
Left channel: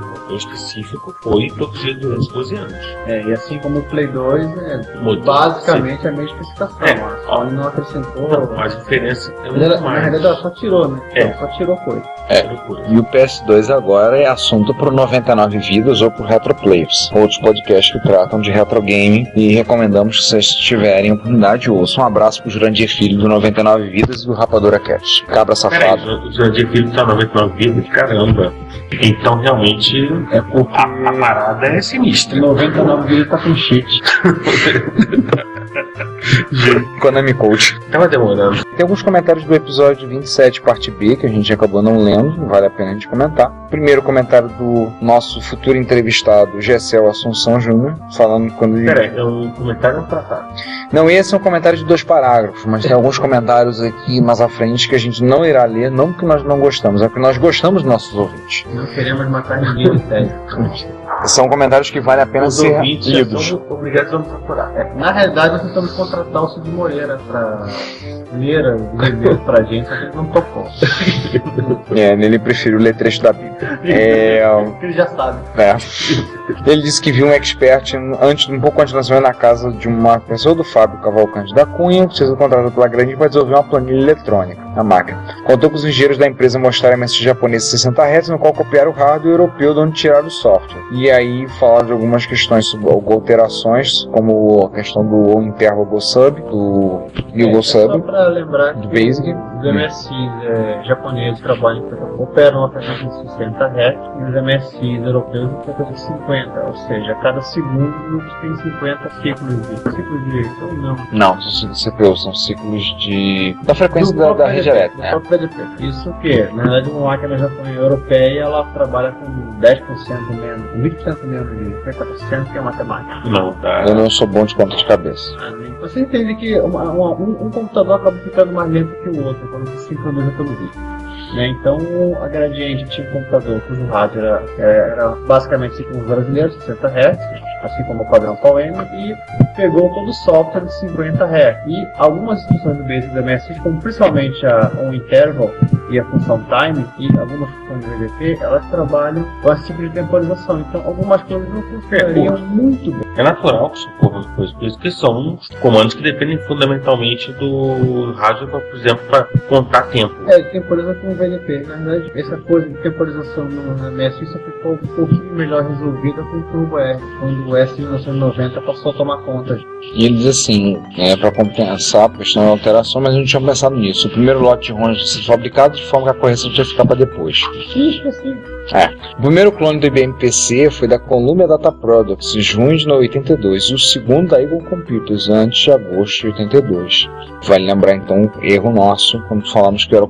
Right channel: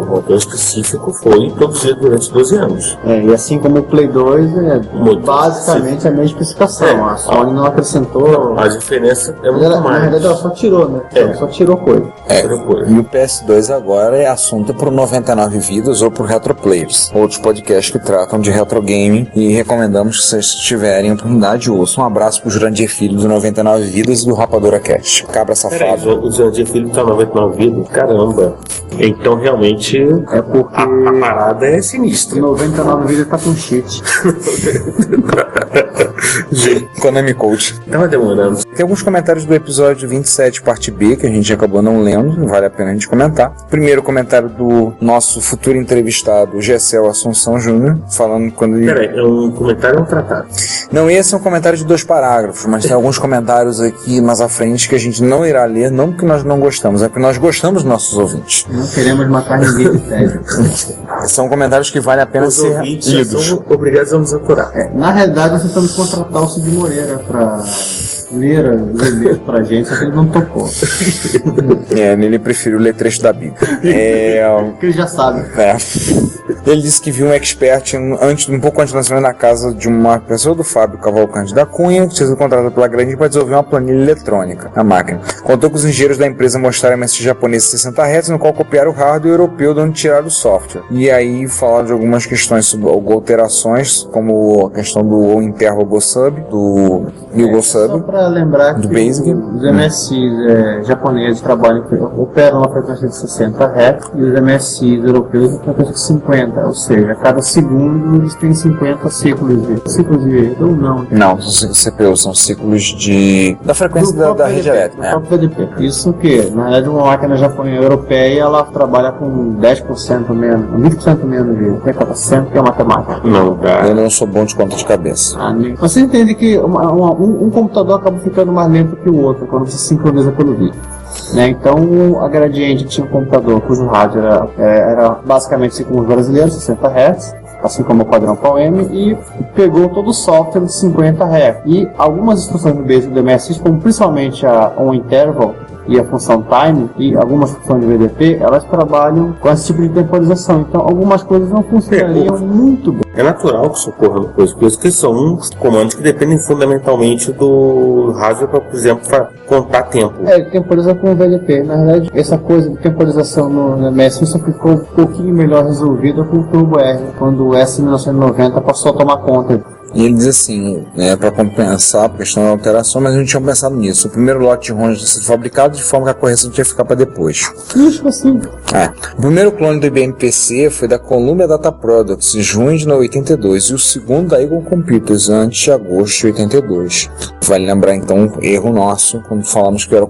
o modelo específico, foi produzido durante 12 anos. E assim como o Play 2 basicamente a mesma especificação. A Sony não acrescentou. Não, a diferença é muito mais. Na verdade ela só tirou, né? Ela só tirou coisa. E o PS2 agora é assunto pro 99 Vidas ou pro Retro Players, outros podcasts que tratam de retro game, e recomendamos que vocês tiverem oportunidade, ouçam. Um abraço pro Jurandir Filho do 99 Vidas e do Rapadura Cast. Cabra safado. Peraí, o Jurandir Filho tá 99 Vidas? Caramba. Então realmente é porque a parada é sinistra. 99 Vidas tá com cheat. Konami Coach. Tava demorando. Tem alguns comentários do episódio 27, parte B, que a gente acabou não lendo, não vale a pena a gente comentar. Primeiro comentário do nosso futuro entrevistado, Gessel Assunção Júnior, falando quando ele... Peraí, é um comentário ou um tratado? Não, esse é um comentário de 2 parágrafos, mas tem alguns comentários aqui mais à frente que a gente não irá ler, não porque nós não gostamos, é porque nós gostamos dos nossos ouvintes. Não queremos matar ninguém de tédio. São comentários que vale a pena ser lidos. São obrigados a nos aturar. Na realidade, nós tentamos contratar o Cid Moreira pra ler os e-mails pra gente, só que ele não topou. Ele preferiu ler trecho da Bíblia. Porque ele já sabe. Ele disse que viu um expert um pouco antes de lançar na casa de uma pessoa do Fábio Cavalcante da Cunha, que sendo contratado pela Grande para desenvolver uma planilha eletrônica, a máquina. Contou com os engenheiros da empresa mostraram MSX japonês 60 Hz, no qual copiaram o hardware europeu de onde tiraram o software. E aí falaram de algumas questões sobre alterações, como a questão do interval Go Sub, do Go Sub. Só para lembrar do que Basic. Os MSX japoneses operam a frequência de 60 Hz e os MSX europeus a frequência de 50. Ou seja, a cada segundo eles têm 50 ciclos de ou não? Não, os CPUs são ciclos da frequência da rede elétrica. VDP. Isso que, na verdade, uma máquina japonesa europeia ela trabalha com 10% menos, 20% menos de frequência, que é matemática. Não dá. Eu não sou bom de conta de cabeça. Você entende que um computador acaba ficando mais lento que o outro quando se sincroniza pelo vídeo. Então a Gradiente tinha um computador cujo hardware era basicamente como os brasileiros, 60 Hz, assim como o Quadrão PAL-M, e pegou todo o software de 50 Hz. E algumas instruções do Basic do MSX, como principalmente a interval e a função time, e algumas funções de VDP, elas trabalham com esse tipo de temporização. Então algumas coisas não funcionariam muito bem. É natural que isso ocorra no coisa, porque são comandos que dependem fundamentalmente do hardware para, por exemplo, contar tempo. Temporiza com o VLP. Na verdade, essa coisa de temporização no MS só ficou um pouquinho melhor resolvida com o Turbo R, quando o S1990 passou a tomar conta. E ele diz assim, para compensar a questão da alteração, mas a gente tinha pensado nisso. O primeiro lote de ROMs tinha sido fabricado de forma que a correção tinha que ficar para depois. Isso assim. O primeiro clone do IBM PC foi da Columbia Data Products, junho de 82, e o segundo da Eagle Computers, antes de agosto de 82. Vale lembrar então um erro nosso, quando falamos que era o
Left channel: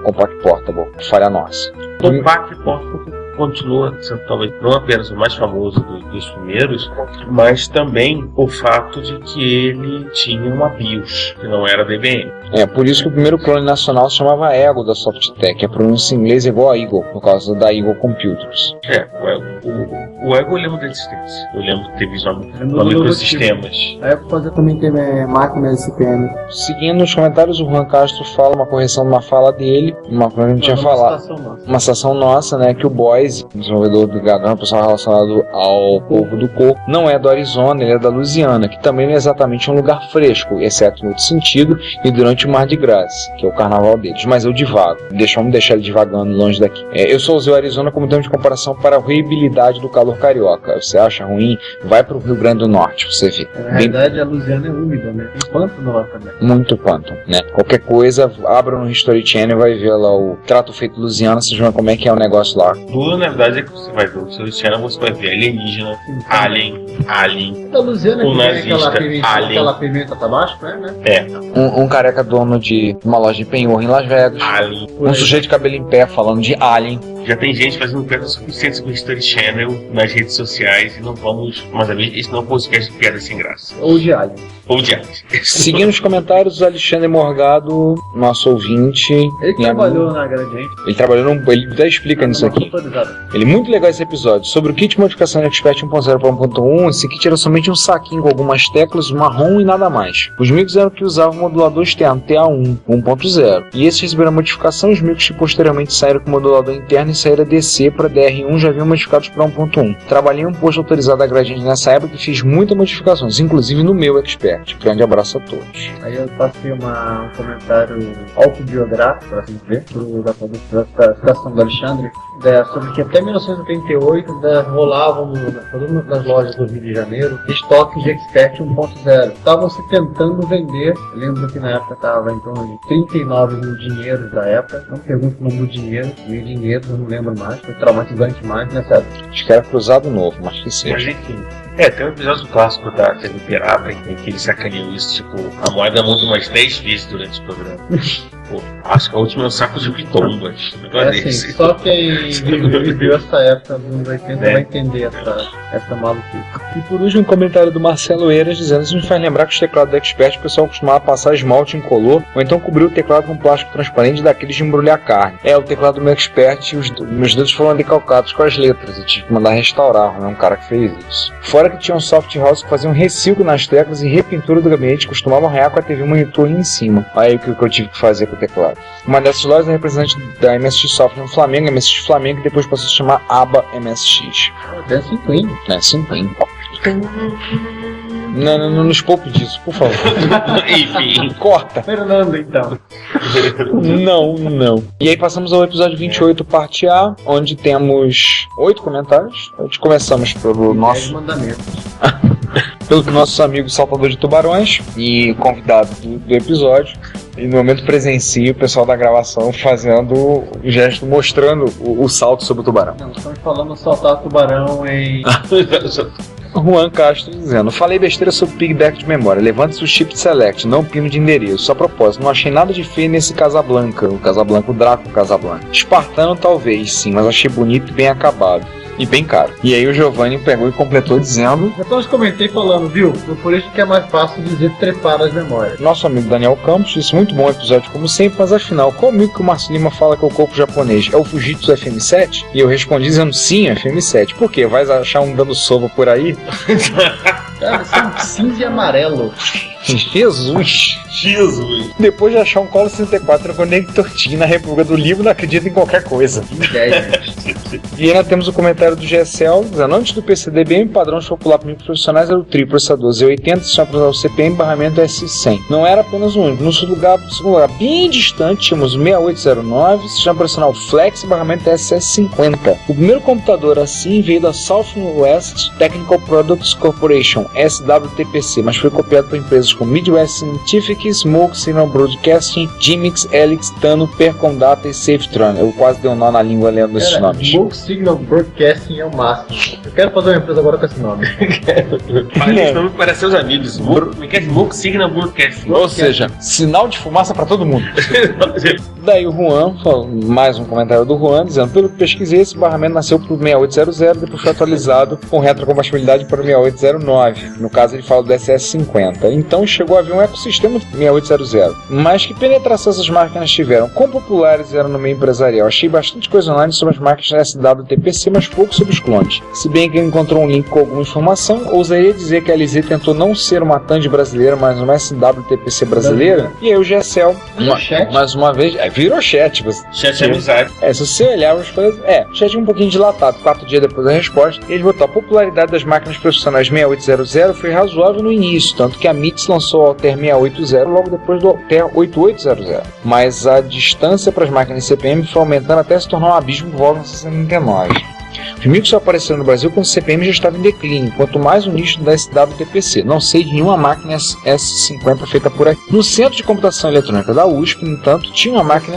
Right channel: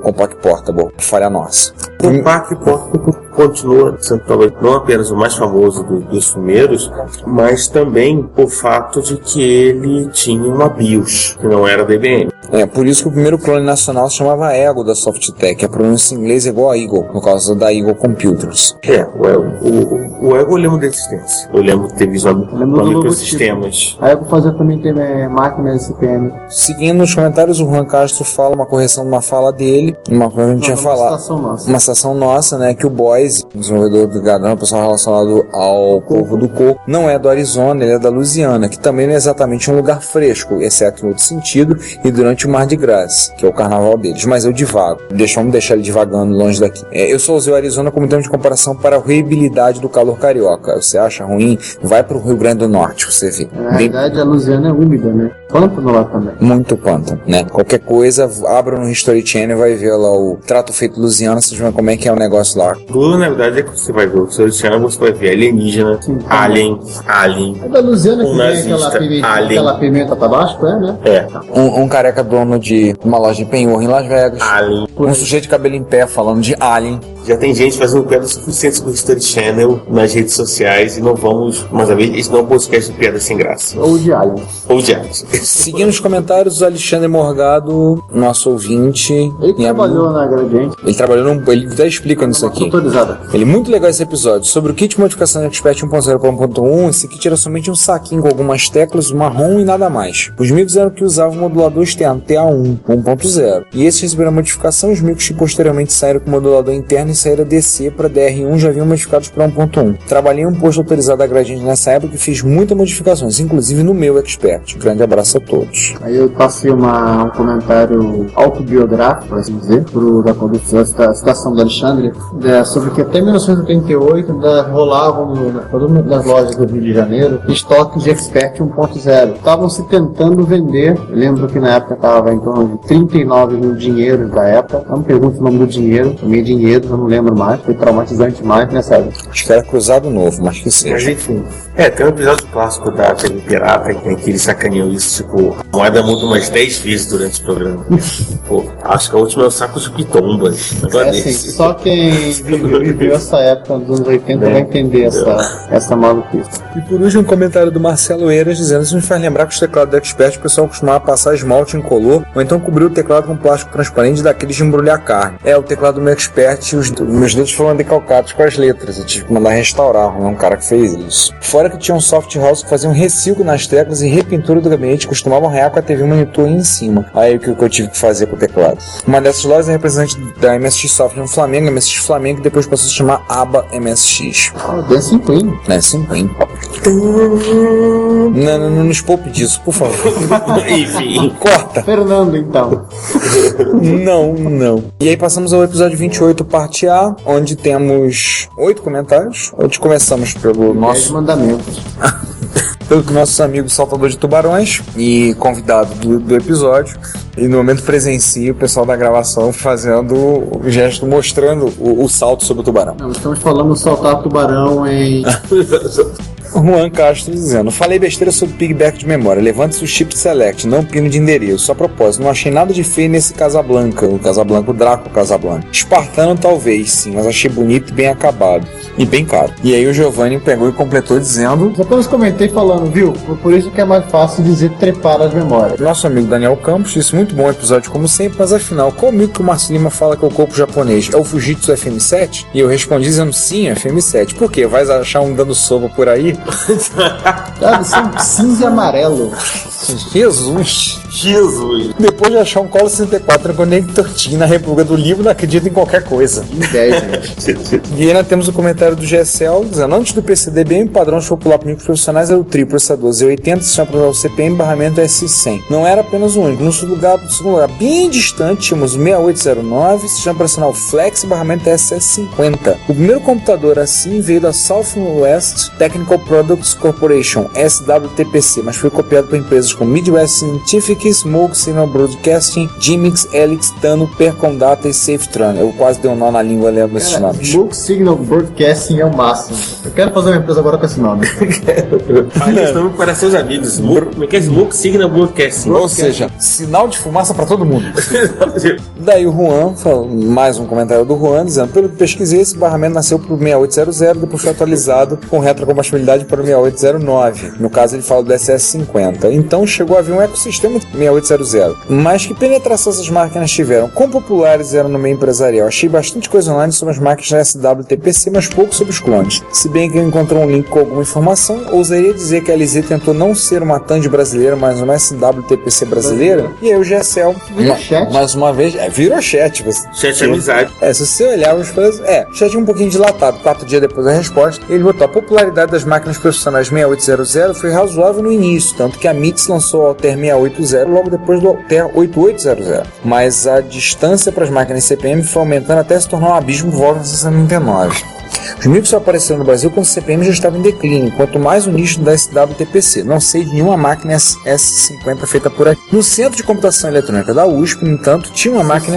Compaq Portable, falha nossa. O Compaq Portable continua sendo talvez não apenas o mais famoso dos primeiros, mas também o fato de que ele tinha uma BIOS, que não era da IBM. Por isso que o primeiro clone nacional se chamava Eagle da Softtech, a pronúncia em inglês é igual a Eagle, no caso da Eagle Computers. O Eagle eu lembro da existência. Eu lembro de ter visto microsistemas. A Eagle fazia também ter máquina SPM. Seguindo os comentários, o Juan Castro fala uma correção numa fala dele, uma coisa que a gente tinha falado. Uma citação nossa, né, que o Boise, desenvolvedor do Gadão, pessoal relacionado ao povo do coco, não é do Arizona, ele é da Louisiana, que também não é exatamente um lugar fresco, exceto em outro sentido, e durante o Mardi Gras, que é o carnaval deles, mas eu divago. Vamos deixar ele divagando longe daqui. Eu só usei o Arizona como termo de comparação para a ruibilidade do calor carioca. Você acha ruim? Vai para o Rio Grande do Norte, você vê. Na verdade, a Louisiana é úmida, né? Pântano lá também. Muito pântano, né? Qualquer coisa, abra no History Channel e vai ver lá o Trato Feito Louisiana, vocês vão ver como é que é o negócio lá. Tudo, na verdade, é que você vai ver o History Channel, você vai ver alienígena, alien. É da Louisiana um que nazista, tem alien. aquela pimenta tabasco, né? Um careca dono de uma loja de penhor em Las Vegas. Alien. Um sujeito de cabelo em pé falando de Alien. Já tem gente fazendo piadas suficientes com o History Channel nas redes sociais e não vamos, mais uma vez, esse não é um podcast de piadas sem graça. Ou de Alien. Seguindo os comentários, o Alexandre Morgado, nosso ouvinte. Ele trabalhou na Gradiente. Ele trabalhou ele até explica nisso aqui. Ele é muito legal esse episódio. Sobre o kit de modificação de Expert 1.0 para 1.1, esse kit era somente um saquinho com algumas teclas, marrom e nada mais. Os micros eram que usavam o modulador externo TA1 1.0. E esses receberam a modificação, os micros que posteriormente saíram com o modulador interno e saíram DC para DR1 já haviam modificados para 1.1. Trabalhei em um posto autorizado da Gradiente nessa época e fiz muitas modificações, inclusive no meu Expert. Grande abraço a todos. Aí eu passei um comentário autobiográfico, por assim dizer, da condução da citação do Alexandre, sobre que até 1988 rolavam nas lojas do Rio de Janeiro estoques de Expert 1.0. Estavam se tentando vender. Eu lembro que na época estava em torno de 39 mil dinheiros da época. Não me pergunto o nome do dinheiro, também dinheiro, eu não lembro mais. Foi traumatizante mais nessa época. Acho que era Cruzado Novo, mas que seja. Mas enfim, tem um episódio clássico da TV Pirata em que eles sacaneam isso, tipo, a moeda muda umas 10 vezes durante o programa. Pô, acho que a última é o saco de pitombas. Só quem viveu essa época dos anos 80 vai entender essa maluquice. E por último, um comentário do Marcelo Eiras dizendo: isso me faz lembrar que os teclados da Expert o pessoal costumava passar esmalte incolor ou então cobrir o teclado com plástico transparente daqueles de embrulhar carne. O teclado do meu Expert, os meus dedos foram decalcados com as letras. Eu tive que mandar restaurar, um cara que fez isso. Fora que tinha um soft house que fazia um reciclo nas teclas e repintura do gabinete, costumavam arranhar com a TV monitor aí em cima. Aí o que eu tive que fazer com o teclado. Uma dessas lojas é representante da MSX Software no Flamengo, MSX Flamengo, e depois passou a se chamar ABA MSX. D5, D5. Não nos poupe disso, por favor. Enfim. Corta. Fernando, então. Não. E aí passamos ao episódio 28, parte A, onde temos 8 comentários. Onde começamos pelo nosso... mandamentos. Pelo nosso amigo Saltador de Tubarões e convidado do episódio. E no momento presencio o pessoal da gravação fazendo o gesto, mostrando o salto sobre o tubarão. Estamos falando soltar tubarão em... Juan Castro dizendo: falei besteira sobre pigback de memória. Levante-se o chip select, não pino de endereço. Só a propósito, não achei nada de feio nesse Casablanca. O Casablanca, o Draco Casablanca. Espartano talvez, sim, mas achei bonito e bem acabado. E bem caro. E aí o Giovanni pegou e completou dizendo: já todos comentei falando, viu? Por isso que é mais fácil dizer trepar as memórias. Nosso amigo Daniel Campos disse: muito bom episódio como sempre, mas afinal, qual mito que o Marcio Lima fala que o corpo japonês é o Fujitsu FM7? E eu respondi dizendo: sim, FM7. Por quê? Vai achar um dando sono por aí? Sabe, são cinza e amarelo. Jesus. Depois de achar um Commodore 64 Connector Team na República do Líbano, não acredito em qualquer coisa. E ainda temos o comentário do GSL, dizendo: antes do PCDBM, padrão de popular para microprofissionais era o TRI processador Z80, sistema processador CPM, barramento S100. Não era apenas o único. No segundo lugar, bem distante, tínhamos o 6809, sistema profissional Flex e barramento SS50. O primeiro computador assim veio da Southwest Technical Products Corporation, SWTPC, mas foi copiado por empresas como Midwest Scientific, Smoke Signal Broadcasting, Gimmicks, Helix, Tano, Percom Data e Safetran. Eu quase dei um nó na língua lendo esses nomes. Smoke Signal Broadcasting é o máximo. Eu quero fazer uma empresa agora com esse nome. Mas eles estão para seus amigos. Smoke Signal Broadcasting. Ou seja, sinal de fumaça para todo mundo. Daí o Juan, mais um comentário do Juan, dizendo: pelo que pesquisei, esse barramento nasceu para o 6800, depois foi atualizado com retrocompatibilidade para o 6809. No caso, ele fala do SS50. Então chegou a vir um ecossistema de 6800. Mas que penetração essas máquinas tiveram? Quão populares eram no meio empresarial? Achei bastante coisa online sobre as máquinas da SWTPC, mas pouco sobre os clones. Se bem que encontrou um link com alguma informação, ousaria dizer que a LZ tentou não ser uma TAND brasileira, mas uma SWTPC brasileira. E aí o GSL, mais uma vez, virou chat. Chat é amizade. Se você olhar os coisas, o chat um pouquinho dilatado. 4 dias depois da resposta, ele botou: a popularidade das máquinas profissionais 6800 foi razoável no início, tanto que a MITS lançou o Altair 680 logo depois do Altair 8800. Mas a distância para as máquinas CPM foi aumentando até se tornar um abismo volta em 69. Os micros só apareceram no Brasil quando o CPM já estava em declínio, quanto mais o nicho da SWTPC. Não sei de nenhuma máquina S50 feita por aqui. No Centro de Computação Eletrônica da USP, no entanto, tinha uma máquina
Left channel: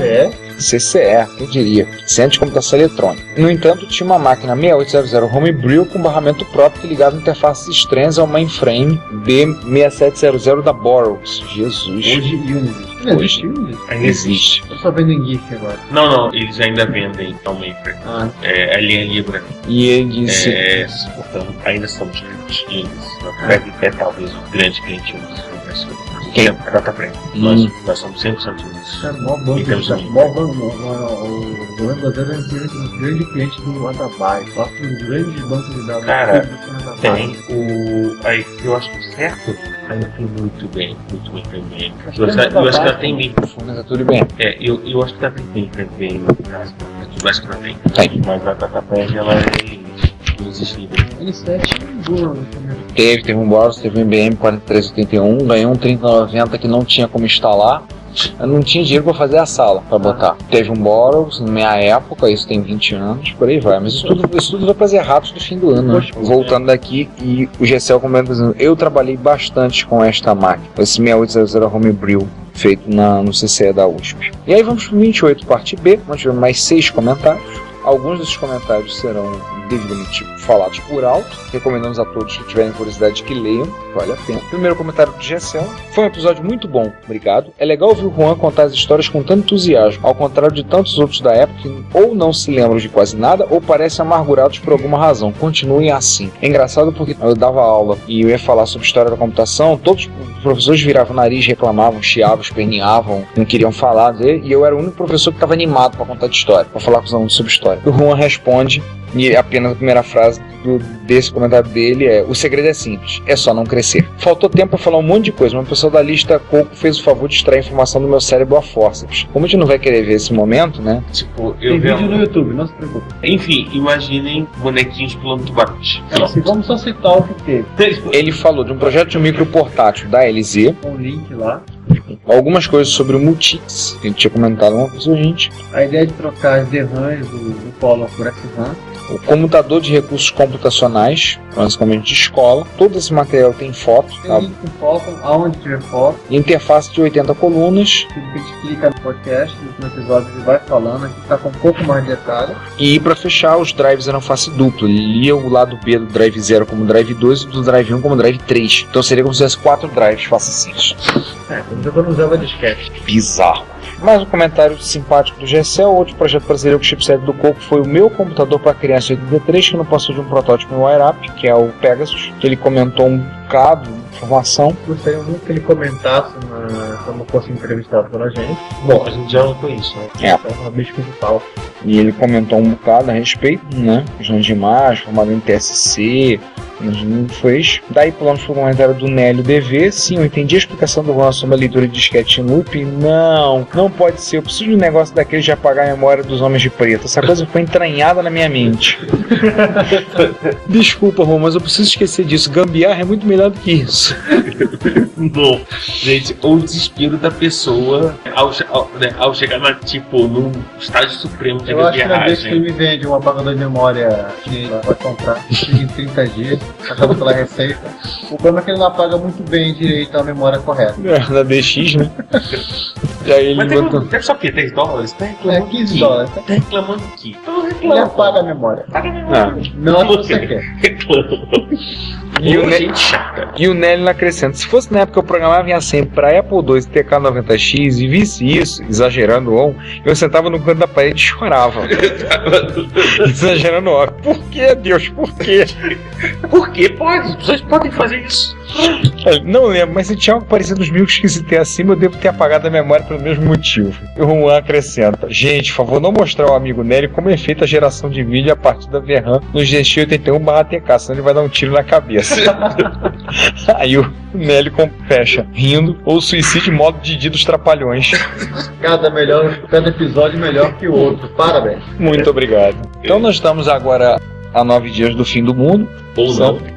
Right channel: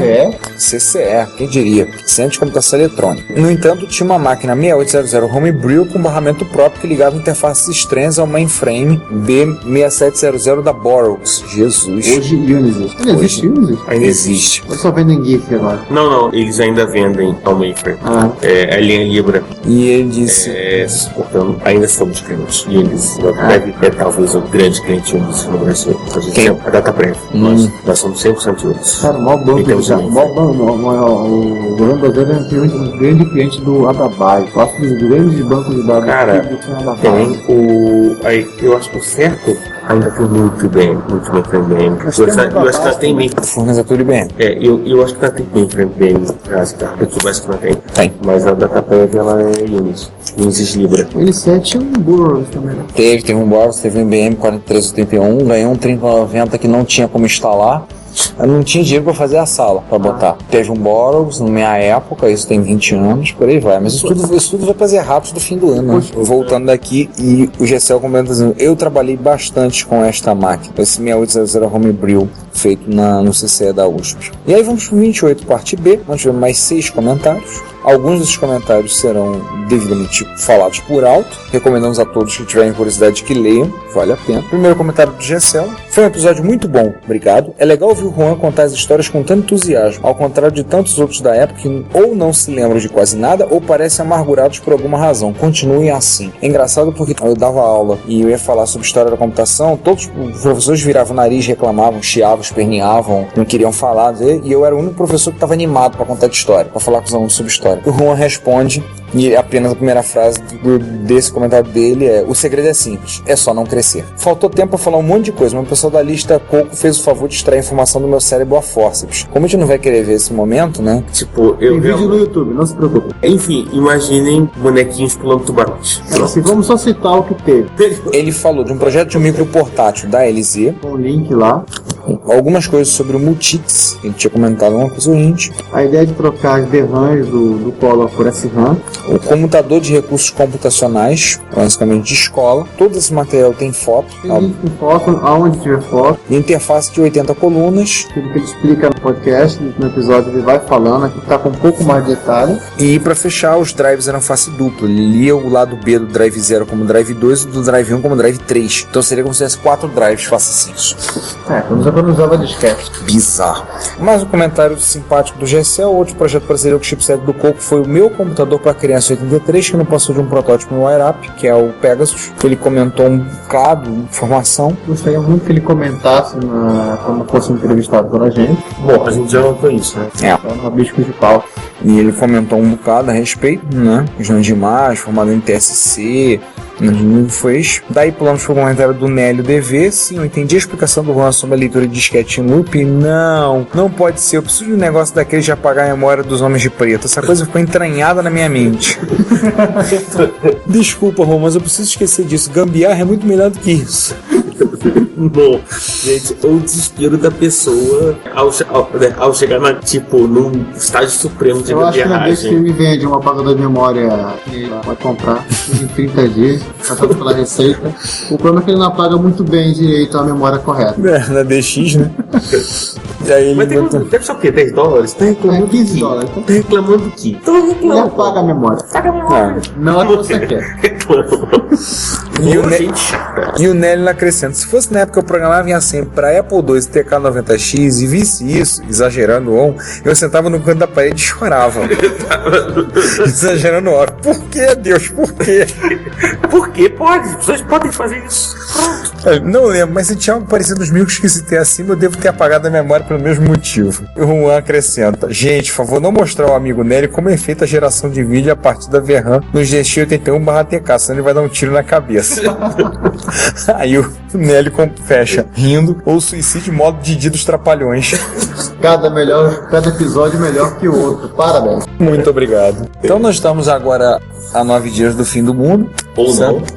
CCE, quem diria? Centro de Computação Eletrônica. No entanto, tinha uma máquina 6800 Homebrew com barramento próprio que ligava interfaces estranhas ao mainframe B6700 da Burroughs. Jesus. Hoje Unisys. Ainda existe Unisys? Ainda existe. Eu só vendem GIF agora. Não, eles ainda vendem ao mainframe. A linha Libra. E ele disse: portanto, ainda somos clientes. E eles deve talvez o grande cliente Unisys no Brasil. Quem? A DataPrev. Nós somos 100% Unisys. Cara, o maior banco o Grande é um grande cliente do Adabai. Faço um grande banco de dados. Cara, tem eu acho que o certo ainda foi muito bem bem. Eu acho que ela tem bem. Forneza tudo bem. Eu acho que ela tem bem bem. Eu acho que ela tem. Mas a DataPrev ela é Unisys Libra. Ele 7 um Burroughs também. Teve um Burroughs, teve um IBM 4381, ganhou um 3090 que não tinha como instalar. Eu não tinha dinheiro pra fazer a sala, pra botar. Teve um Burroughs na minha época, isso tem 20 anos, por aí vai. Mas isso tudo vai fazer errados do fim do ano. Voltando daqui, e o GSL comenta dizendo: eu trabalhei bastante com esta máquina, com esse 6800 Homebrew, feito no CCE da USP. E aí vamos pro 28, parte B, onde tivemos mais 6 comentários. Alguns desses comentários serão devidamente falados por alto. Recomendamos a todos que tiverem curiosidade que leiam, vale a pena. Primeiro comentário do GSL: foi um episódio muito bom, obrigado. É legal ouvir o Juan contar as histórias com tanto entusiasmo, ao contrário de tantos outros da época que ou não se lembram de quase nada ou parecem amargurados por alguma razão. Continuem assim. É engraçado porque eu dava aula e eu ia falar sobre história da computação, todos os professores viravam o nariz, reclamavam, chiavam, esperneavam, não queriam falar, e eu era o único professor que estava animado para contar de história, para falar com os alunos sobre história. O Juan responde, e apenas a primeira frase desse comentário dele é: o segredo é simples, é só não crescer. Faltou tempo para falar um monte de coisa, mas o pessoal da lista Coco fez o favor de extrair informação do meu cérebro a forceps. Como a gente não vai querer ver esse momento, né? Tipo, Tem vídeo no YouTube, não se preocupe. Enfim, imaginem bonequinhos pulando tubarões. Assim, vamos só citar o que tem. Ele falou de um projeto de um micro portátil da LZ. Com o link lá. Algumas coisas sobre o Multics. Ele tinha comentado uma coisa, gente. A ideia de trocar as DRAMs do Color por SRAM. O comutador de recursos computacionais, basicamente de escola. Todo esse material tem foto. Tem foto, aonde tiver foto. E interface de 80 colunas. Tudo que ele explica no podcast, no episódio ele vai falando, aqui tá com um pouco mais de detalhe. E para fechar, os drives eram face dupla. Ele lia o lado B do drive 0 como drive 2 e do drive 1 como drive 3. Então seria como se tivesse 4 drives face 6. Quando usava disquete. Bizarro. Mais um comentário simpático do GSL. Outro projeto brasileiro que o chipset do Coco foi o meu computador para criança 83, que não passou de um protótipo no WireUp, que é o Pegasus. Ele comentou um bocado de informação. Gostaria muito que ele comentasse quando fosse entrevistado pela gente. Bom, a gente já notou isso, né? É. Uma bicho de pau. E ele comentou um bocado a respeito, né? Questão de imagem, formado em TSC, Foi isso. Daí pulamos pro comentário do Nélio DV. Sim, eu entendi a explicação do Juan sobre a leitura de disquete em loop. Não pode ser. Eu preciso de um negócio daquele de apagar a memória dos Homens de Preto. Essa coisa ficou entranhada na minha mente. Desculpa, Juan, mas eu preciso esquecer disso. Gambiarra é muito melhor do que isso. Bom, gente, o desespero da pessoa ao chegar num estágio supremo de eu acho que gambiarragem. ele me vende um apagador de memória que vai comprar em 30 dias, achado pela Receita. O problema é que ele não apaga muito bem direito a memória correta. Na DX, né? Mas deve só o quê? 10 dólares? Tá reclamando 15 dólares. Tá reclamando do quê? Ele apaga a memória. Não é o que você quer. Reclama. E o Nelly acrescenta: se fosse na época que eu programava vinha sempre pra Apple II TK90X e visse isso, exagerando eu sentava no canto da parede e chorava. Exagerando óbvio. Por que, Deus? Por quê? Por que pode? As pessoas podem fazer isso. Não lembro, mas se tinha algo parecido nos mil que citei acima, eu devo ter apagado a memória pelo mesmo motivo. E o Juan acrescenta: gente, por favor, não mostrar ao amigo Nelly como é feita a geração de vídeo a partir da VRAM no GX81/TK, senão ele vai dar um tiro na cabeça. Aí o Nelly fecha, rindo, ou suicídio em modo Didi dos Trapalhões. Cada episódio melhor que o outro. Parabéns. Muito obrigado. Então nós estamos agora a 9 dias do fim do mundo.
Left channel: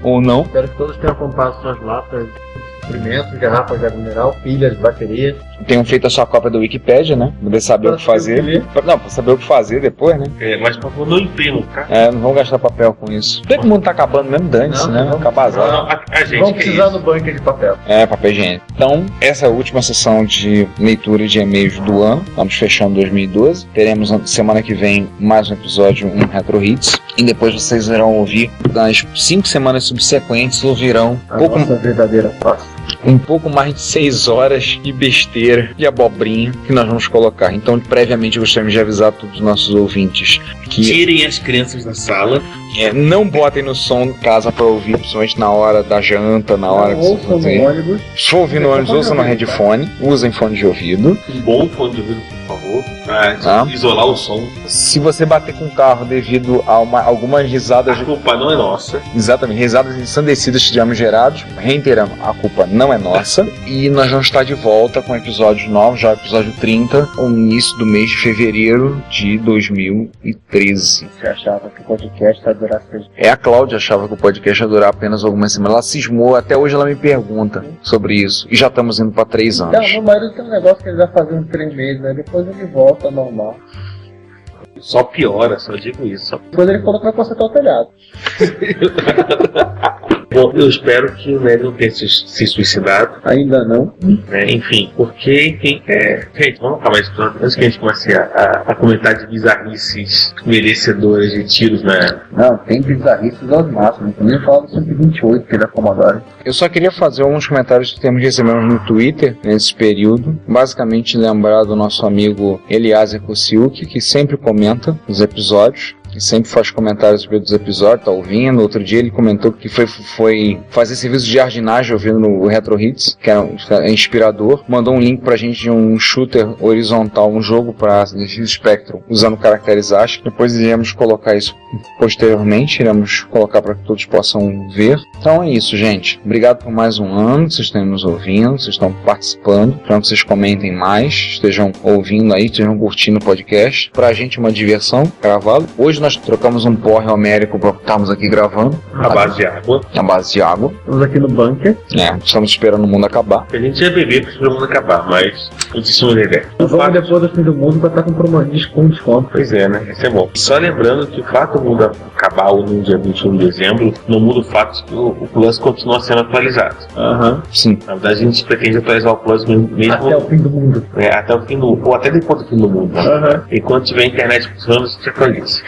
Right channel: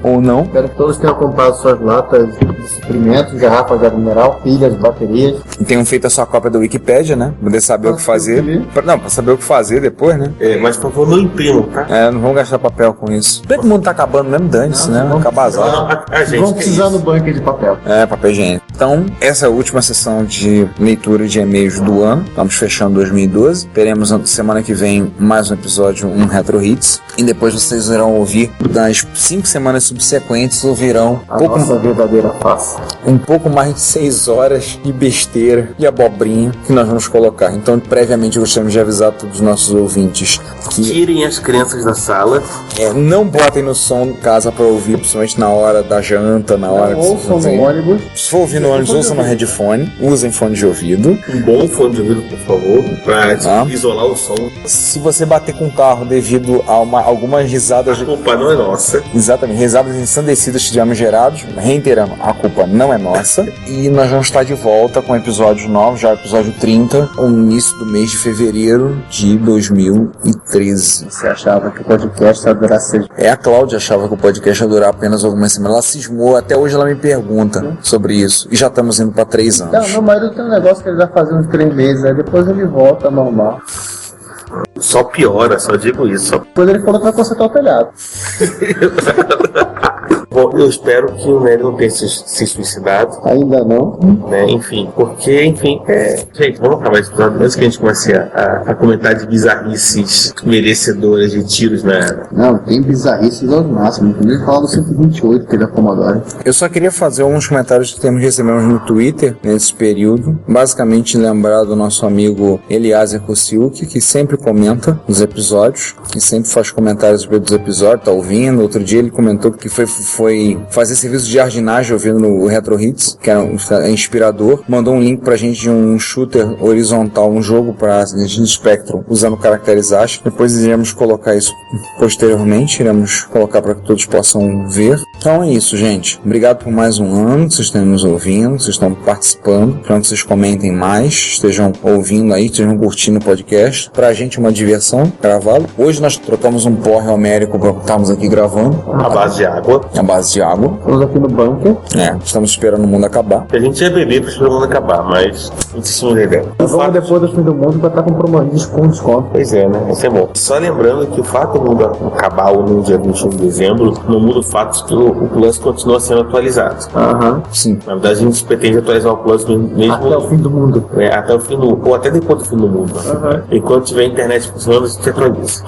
Ou não. Espero que todos tenham comprado suas latas de suprimentos, garrafas de água mineral, pilhas, baterias. E tenham feito a sua cópia da Wikipédia, né? Poder saber o que fazer. Pra saber o que fazer depois, né? Mas por favor, não imprimam, tá? Não vamos gastar papel com isso. Bem que o mundo tá acabando mesmo, dane-se, né? Acabazado. Vamos precisar no bunker de papel. Papel higiênico. Então, essa é a última sessão de leitura de e-mails do ano. Estamos fechando 2012. Teremos na semana que vem mais um episódio, um Retro Hits. E depois vocês irão ouvir, nas 5 semanas subsequentes, ouvirão nossa verdadeira face. Um pouco mais de 6 horas de besteira, de abobrinha que nós vamos colocar. Então, previamente, gostaríamos de avisar a todos os nossos ouvintes que tirem as crianças da sala. Não botem no som de casa para ouvir, principalmente na hora da janta, na hora que você fazer. Se for ouvir no ônibus, usa no headphone, usem fone de ouvido. Um bom fone de ouvido, por favor, para isolar o som. Se você bater com o carro devido a algumas risadas... A culpa não é nossa. Exatamente, risadas ensandecidas que tivemos gerados, reiteramos, a culpa não é nossa. E nós vamos estar de volta com episódios novos, já episódio 30, no início do mês de fevereiro de 2013. Você achava que o podcast ia durar 6 meses? A Cláudia achava que o podcast ia durar apenas algumas semanas. Ela cismou, até hoje ela me pergunta sobre isso. E já estamos indo para 3 anos. Não, mas eu tenho um negócio que ele vai fazer uns 3 meses, aí depois ele volta normal. Só piora, só digo isso. Depois ele falou que vai consertar o telhado. Bom, eu espero que o Nélio não tenha se suicidado. Ainda não. Enfim, gente, vamos acabar esse episódio antes que a gente comece a comentar de bizarrices merecedoras de tiros na era. Não, tem bizarrices aos máximos. Eu ia falar do 128, que ele é Commodore. Eu só queria fazer alguns comentários que recebemos no Twitter nesse período. Basicamente lembrar do nosso amigo Eliaser Kosiuk, que sempre comenta nos episódios, que sempre faz comentários dos episódios, tá ouvindo. Outro dia ele comentou que foi fazer serviço de jardinagem ouvindo no Retro Hits, que é inspirador. Mandou um link pra gente de um shooter horizontal, um jogo pra Spectrum, usando caracteres ASCII. Depois iremos colocar isso posteriormente, iremos colocar para que todos possam ver. Então é isso, gente. Obrigado por mais um ano, vocês estão nos ouvindo, vocês estão participando. Espero que vocês comentem mais, estejam ouvindo aí, estejam curtindo o podcast. Pra gente uma diversão gravá-lo. Hoje nós trocamos um porre homérico para estarmos aqui gravando. A base de água. Estamos aqui no bunker. Estamos esperando o mundo acabar. A gente já bebeu para esperar o mundo acabar, mas isso não é. Eu vou depois do fim do mundo para estar comprando desconto. Pois é, né? Isso é bom. Só lembrando que o fato de não acabar no dia 21 de dezembro não muda o fato de que o Plus continua sendo atualizado. Sim. Na verdade, a gente pretende atualizar o Plus mesmo até o fim do mundo. Até o fim do mundo. Ou até depois do fim do mundo. Enquanto tiver internet funcionando, a gente atualiza.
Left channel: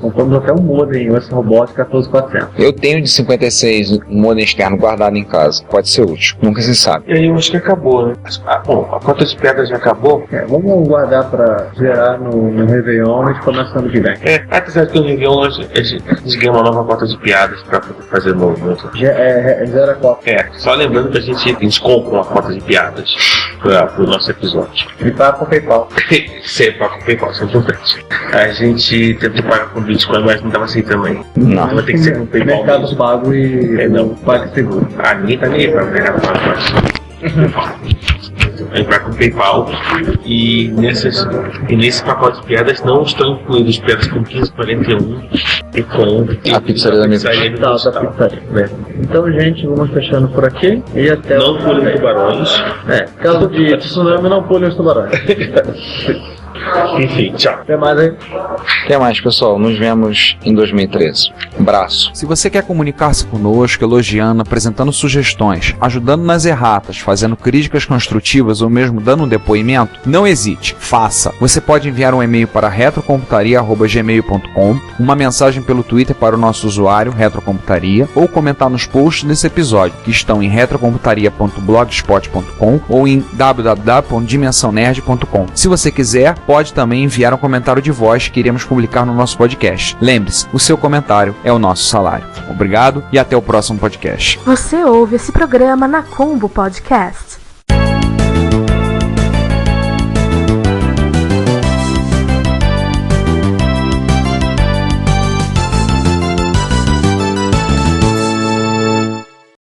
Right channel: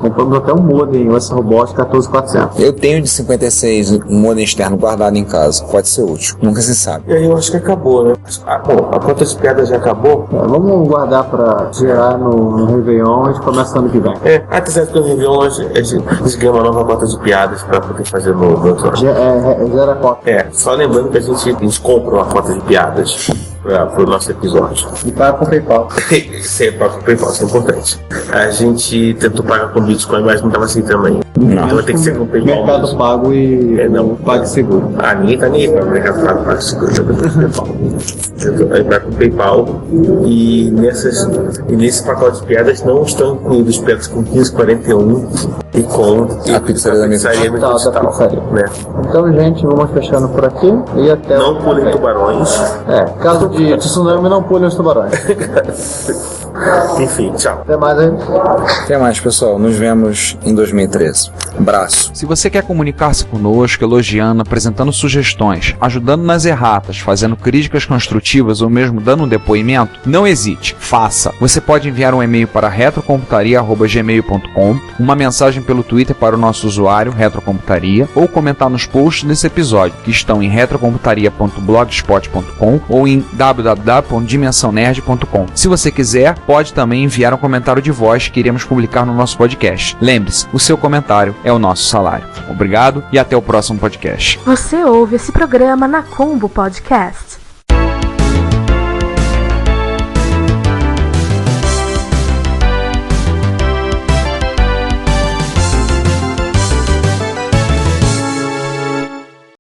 Compramos até um modem USB Robot 14400. Eu tenho de 56 um modem externo guardado em casa. Pode ser útil. Nunca se sabe. E aí eu acho que acabou, né? Bom, a conta de pedra já acabou. Vamos guardar pra gerar no Réveillon, a gente começa ano que vem. Tá certo que no Réveillon a gente ganha uma nova conta de piadas pra poder fazer novo episódio. Gera cota. Só lembrando que a gente compra uma conta de piadas pro nosso episódio. E paga com PayPal. Sempre paga com PayPal, isso é importante. A gente tentou pagar com Bitcoin, mas não tava aceitando ainda. Não. Vai ter que ser com PayPal. Mercado Pago e Não, o PagSeguro. Ninguém tá nem aí pra me arrastar o PagSeguro. Vai pro PayPal e nesse pacote de piadas não estão incluídas piadas com 1541 e com a pizzaria digital, né? Então, gente, vamos fechando por aqui e até... Não pulem tubarões. Caso de tsunami, não pulem os tubarões. Enfim, tchau. Até mais aí. Até mais, pessoal. Nos vemos em 2013. Abraço. Se você quer comunicar-se conosco, elogiando, apresentando sugestões, ajudando nas erratas, fazendo críticas construtivas ou mesmo dando um depoimento, não hesite, faça. Você pode enviar um e-mail para retrocomputaria@gmail.com, uma mensagem pelo Twitter para o nosso usuário, Retrocomputaria, ou comentar nos posts desse episódio, que estão em retrocomputaria.blogspot.com ou em www.dimensãonerd.com. Se você quiser, pode também enviar um comentário de voz que iremos publicar no nosso podcast. Lembre-se, o seu comentário é o nosso salário. Obrigado e até o próximo podcast. Você ouve esse programa na Combo Podcast.